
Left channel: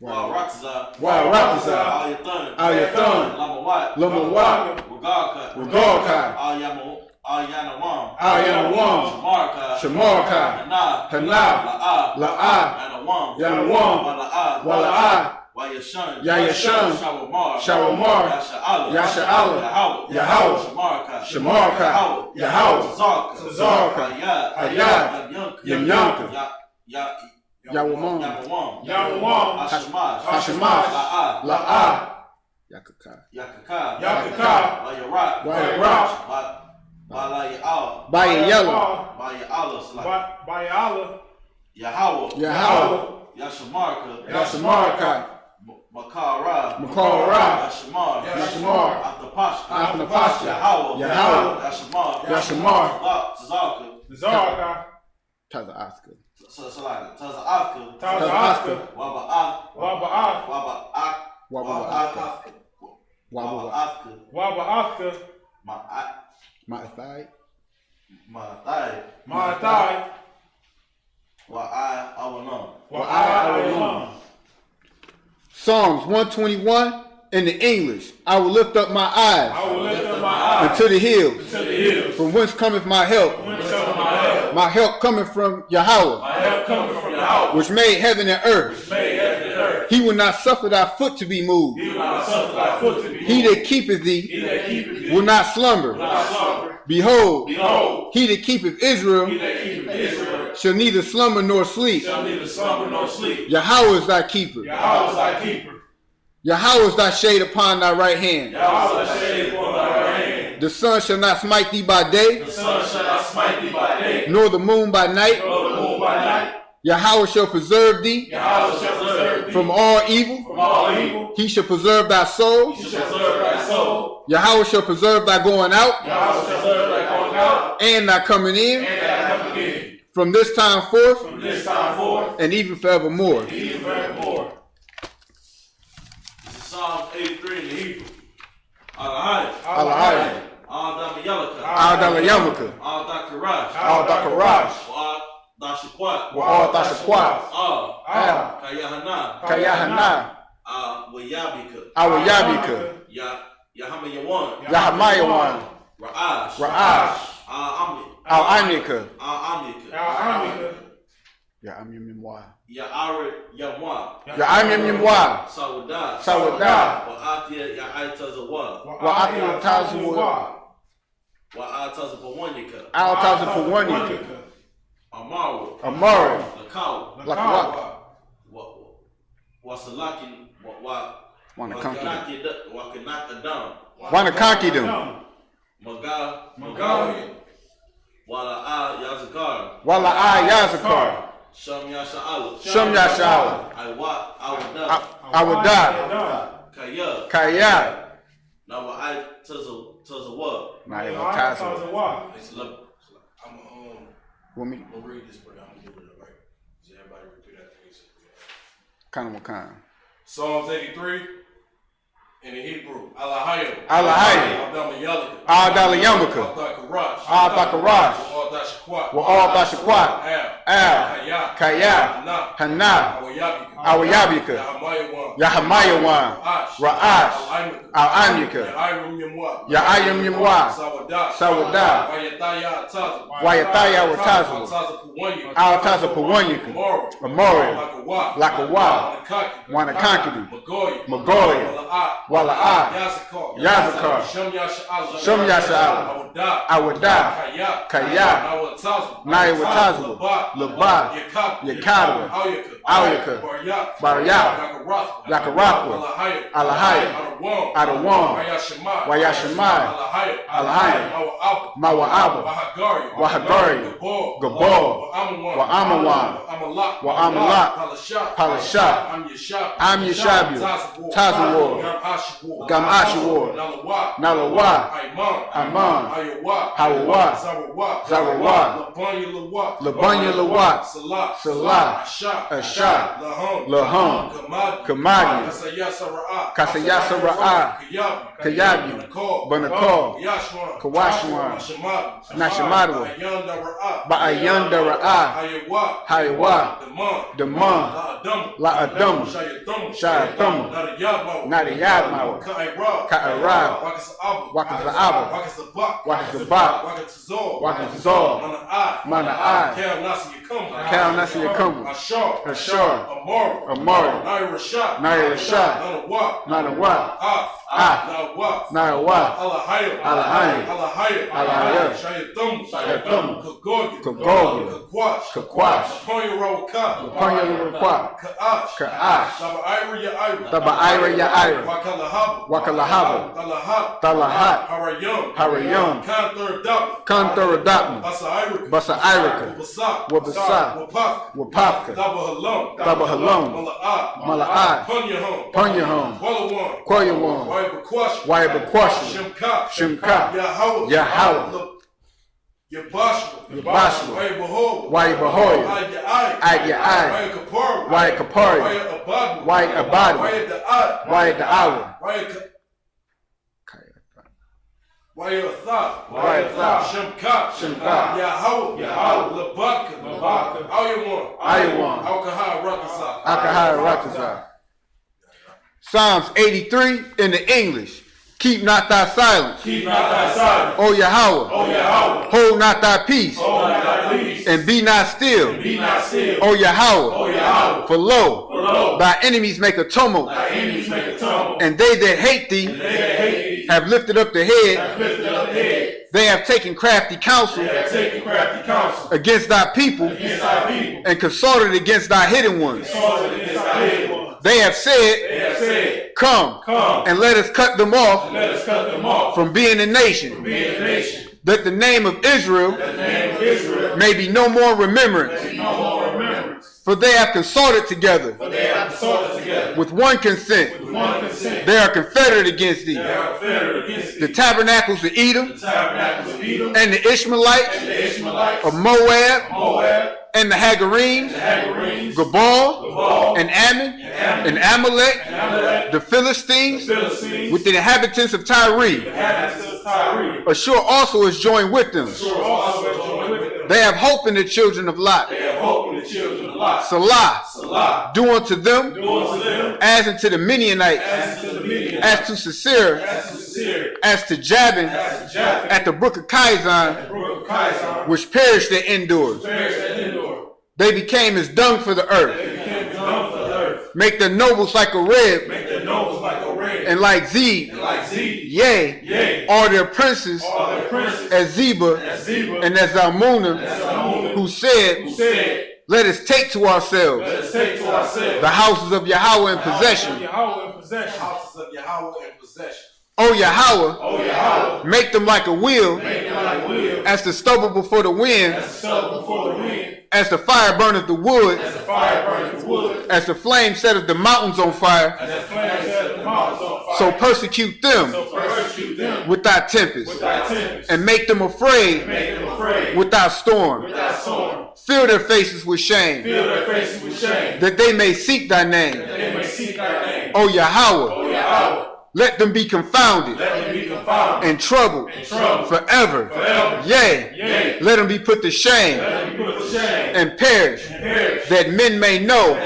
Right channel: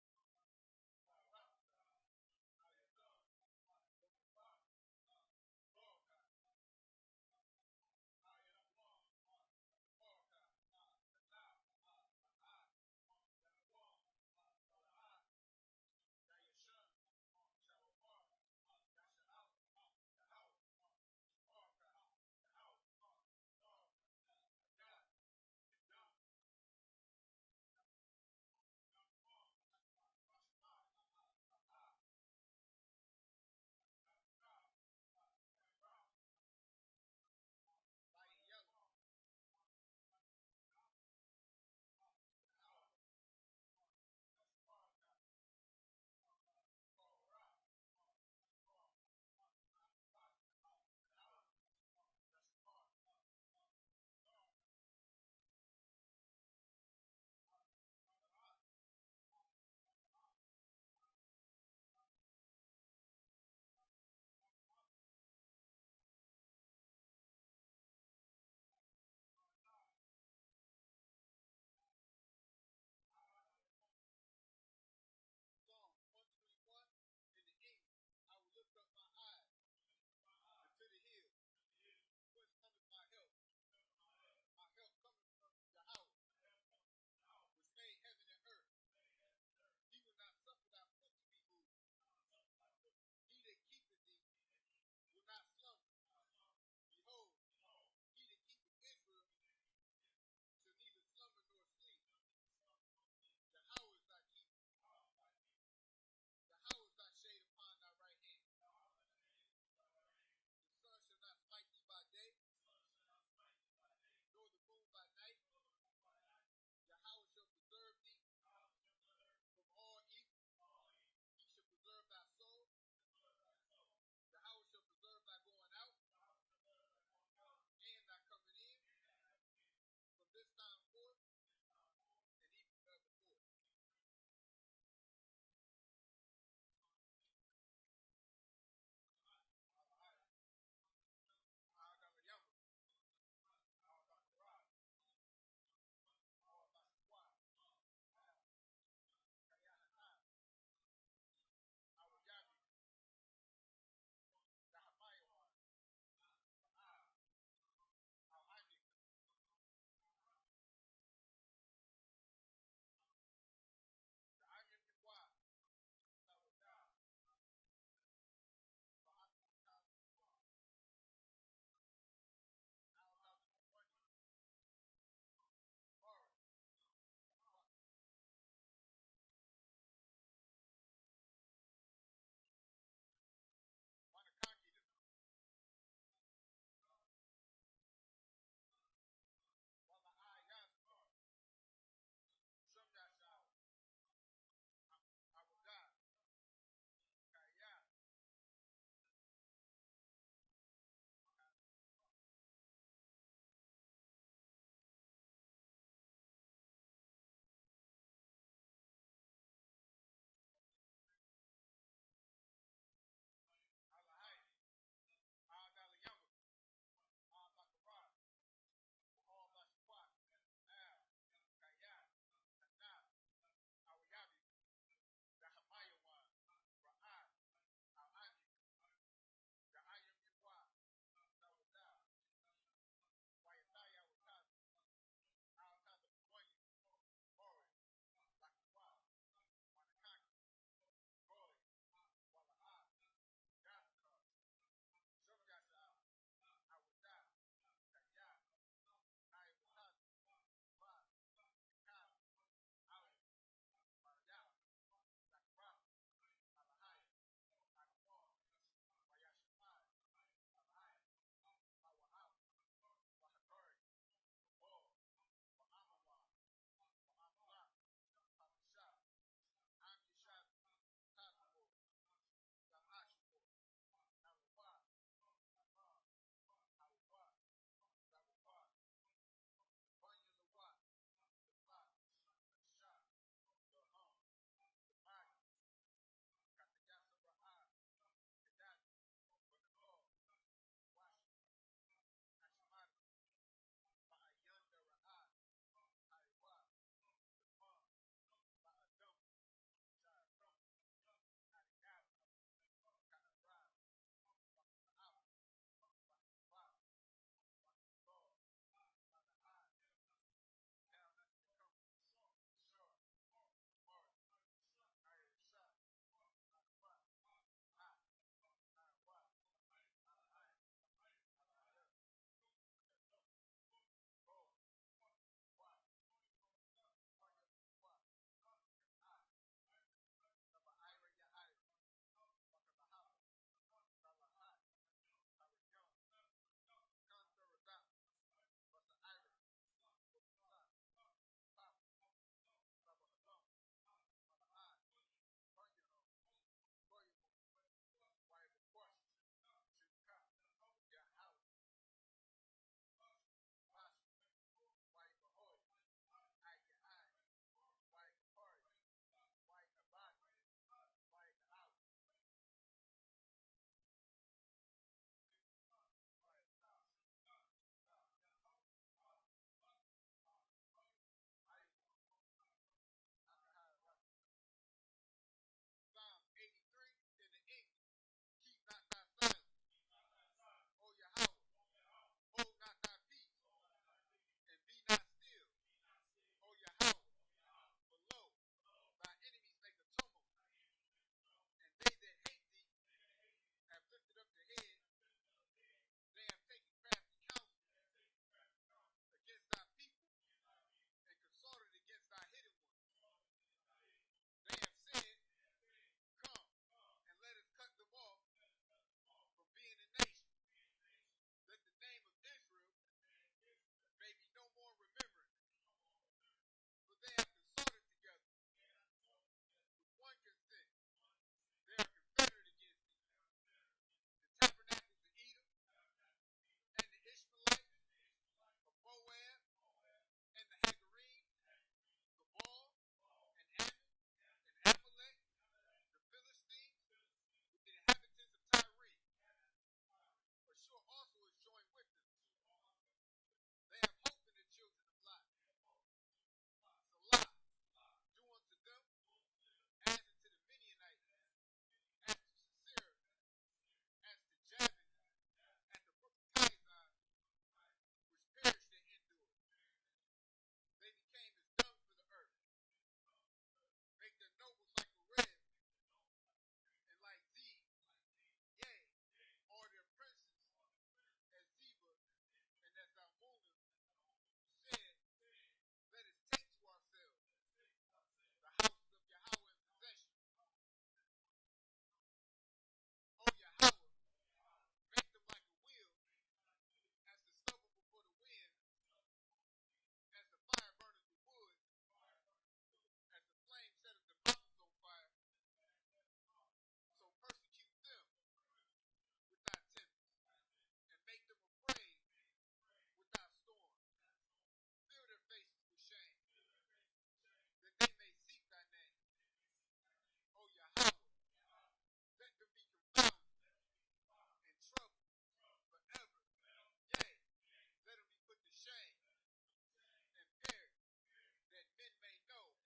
Wa'arataza. Al-Yathan. Lamawat. Regalkai. Al-Yanawam. Shamarkai. Hana. La'ah. Yanawam. Wala'ah. Yayashan. Shawamar. Yasha'Allah. Yahweh. Shamarkai. Yahweh. Zarka. Ayad. Yamyanka. Yawamam. Hashemash. La'ah. Yakaka. Wayarak. Bayayala. Yahweh. Yashamarka. Makara. Yashmar. Atapasha. Yahweh. Yashamar. Zaka. Taza Oscar. Taza Waba. Ma'athai. Psalms 121 in the English. I will lift up my eyes unto the hills. From whence cometh my help? My help cometh from Yahweh, which made heaven and earth. He will not suffer thy foot to be moved. He that keepeth thee will not slumber. Behold, he that keepeth Israel shall neither slumber nor sleep. Yahweh is thy keeper. Yahweh is thy shade upon thy right hand. The sun shall not smite thee by day, nor the moon by night. Yahweh shall preserve thee from all evil. He shall preserve thy soul. Yahweh shall preserve thy going out and thy coming in from this time forth and even forevermore. Psalm 83 in the Hebrew. Alahai. Adama Yamaka. Al-Dakarash. Wa'al-Dashakwat. Kayahana. Awayabika. Yahamayawan. Ra'ash. Al-Amika. Ya'amyamwa. Ya'amyamwa. Sawadah. Wa'atia Tazawwa. Al-Tazapawanyika. Amari. Lakawa. Wanna conquer them. Wala Yazakar. Shum Yasha'ala. I would die. Kaya. Want me? I'm gonna read this, but I'm gonna give it right. Does everybody repeat after me? Kind of kind. Psalms 83 in the Hebrew. Alahayim. Adama Yamaka. Al-Dakarash. Wa'al-Dashakwat. Al. Kaya. Hana. Awayabika. Yahamayawan. Ra'ash. Al-Amika. Ya'ayamyamwa. Sawadah. Wayataya Watazwa. Al-Tazapawanyika. Amori. Lakawa. Wanna conquer them. Magoya. Wala'a. Yazakar. Shum Yasha'ala. Awada. Kaya. Naya Watazwa. Laba. Yakadwa. Auyaka. Barya. Yakarakwa. Alahaya. Adawam. Wayashimai. Alahaya. Mawa'aba. Wahagari. Gabor. Wa'amawan. Wa'amalak. Palasha. Am Yeshabu. Tazawar. Gam Ashawar. Nalawa. Aman. Hawa. Zarawat. Labanya Lawat. Salah. Ashah. Laham. Kamadi. Kasayasa Ra'a. Kayabi. Banakal. Kawashwan. Nashamadwa. Ba'ayanda Ra'a. Hayawa. Daman. La'adam. Sha'atama. Nadiyadmawa. Ka'arab. Wakaza'aba. Wakazabak. Wakazor. Mana'ai. Kal Nasi Yakum. Ashar. Amari, Naira Shah, Naira Shah, Nanawa, Nanawa, Alahaya, Shayatum, Kagogi, Kakwash, Panya Lurukwa, Kaash, Taba Ira Ya Ira, Wakalahaba, Talahat, Harayum, Kanthur Adapma, Basa Irika, Wabasa, Wapaka, Taba Halom, Mala'at, Punyahom, Quayawan, Waibaquashi, Shimka, Yahweh, Yabashua, Waibahoya, Agyai, Waikapari, Waikabadi, Waidaawa, Shimka, Ayawan, Akahai Rakaza. Psalms 83 in the English. Keep not thy silence. O Yahweh. Hold not thy peace. And be not still. O Yahweh. For lo, thy enemies make a tumult. And they that hate thee have lifted up the head. They have taken crafty counsel against thy people and consulted against thy hidden ones. They have said, Come, and let us cut them off from being a nation, that the name of Israel may be no more remembrance. For they have consulted together with one consent. They are confederate against thee. The tabernacles of Edom and the Ishmaelites of Moab and the Hagarenes, Gabal and Ammon and Amalek, the Philistines with the inhabitants of Tyre. Ashur also is joined with them. They have hope in the children of Lot. Salah, do unto them as unto the Midianites, as to Sisera, as to Jabin, at the brook of Kizon, which perished at Endor. They became as dung for the earth. Make their nobles like a rib, and like Zeb. Yea, all their princes as Zeba and as Zalmunna, who said, Let us take to ourselves the houses of Yahweh in possession. O Yahweh, make them like a wheel, as the stubble before the wind, as the fire burneth the wood, as the flame setteth the mountains on fire, so persecute them with thy tempest, and make them afraid with thy storm. Fill their faces with shame, that they may seek thy name. O Yahweh, let them be confounded and troubled forever. Yea, let them be put to shame and perish, that men may know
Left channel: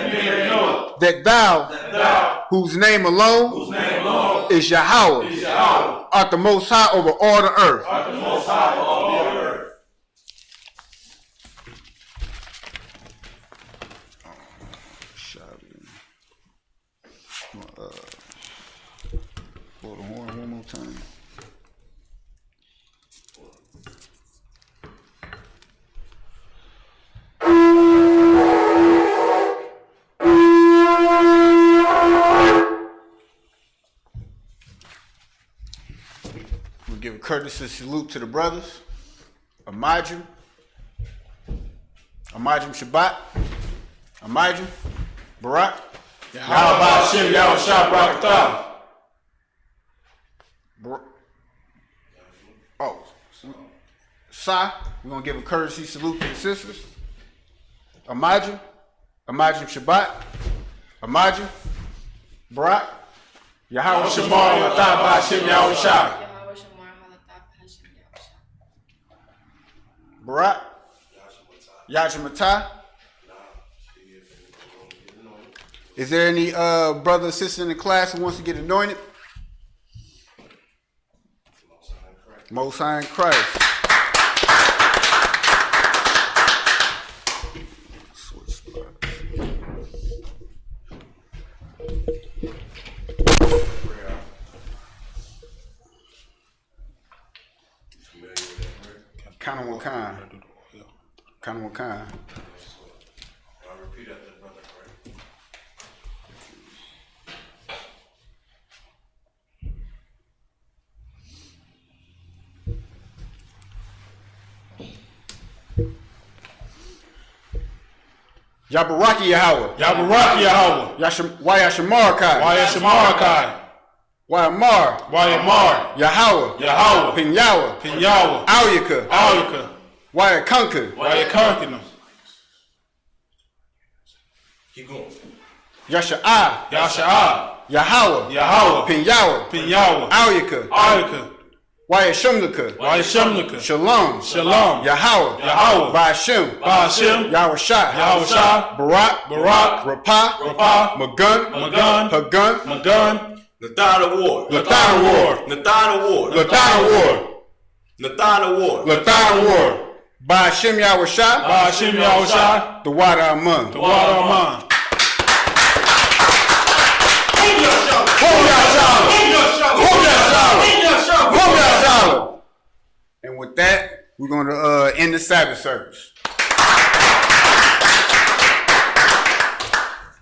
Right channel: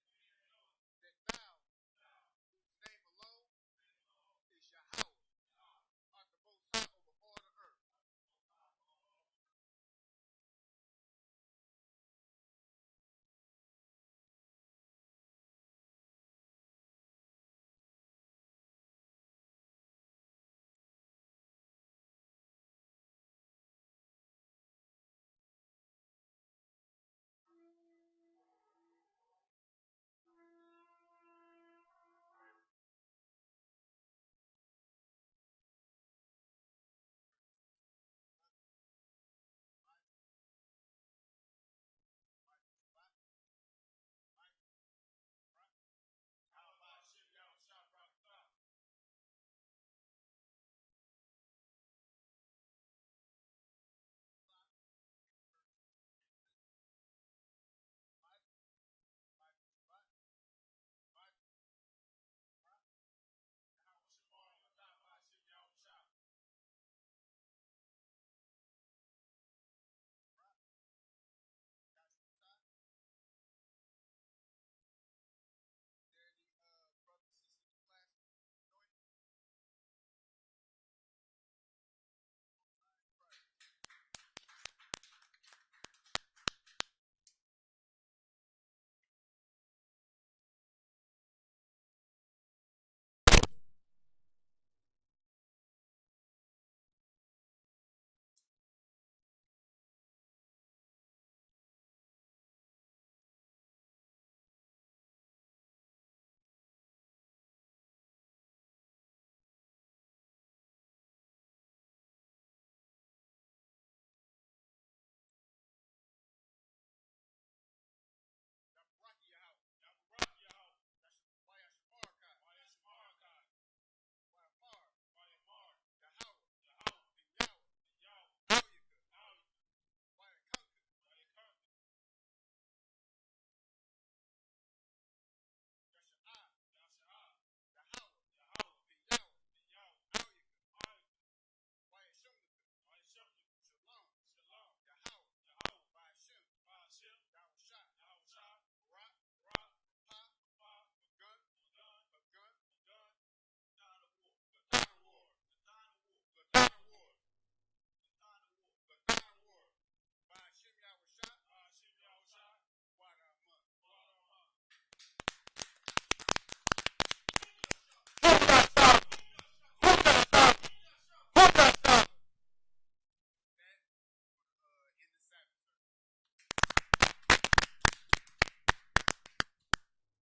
that thou, whose name alone is Yahweh, art the most high over all the earth. Blow the horn one more time. We'll give a courtesy salute to the brothers. Amajim Shabbat, Amajim, Barak, Yahweh Hashem, Yahweh Shah, Barakatah. Oh, Sa, we're going to give a courtesy salute to the sisters. Amajim Shabbat, Amajim, Barak, Yahweh Shamar, Latah, Hashem, Yahweh Shah. Barak, Yashamatah. Is there any brother or sister in the class who wants to get anointed? Most High in Christ. Switch spots. kind. I'll repeat after the brother, right? Yabaraki Yahweh. Yabaraki Yahweh. Wayashamarakai. Wayashimarakai. Wayamar. Wayamar. Yahweh. Yahweh. Pinyawa. Pinyawa. Auyaka. Auyaka. Wayakunka. Wayakunkina. Keep going. Yasha'ah. Yasha'ah. Yahweh. Yahweh. Pinyawa. Pinyawa. Auyaka. Auyaka. Wayashumlaka. Wayashimlaka. Shalom. Shalom. Yahweh. Yahweh. Ba'ashem. Ba'ashem. Yahweh Yahushua. Barak. Barak. Rapah. Rapah. Magun. Magun. Hagun. Magun. Nathan Award. Lathan Award. Nathan Award. Lathan Award. Nathan Award. Lathan Award. Ba'ashem Yahweh Shah. Ba'ashem Yahushua. The water Amun. The water of mine. And with that, we're going to end the Sabbath service.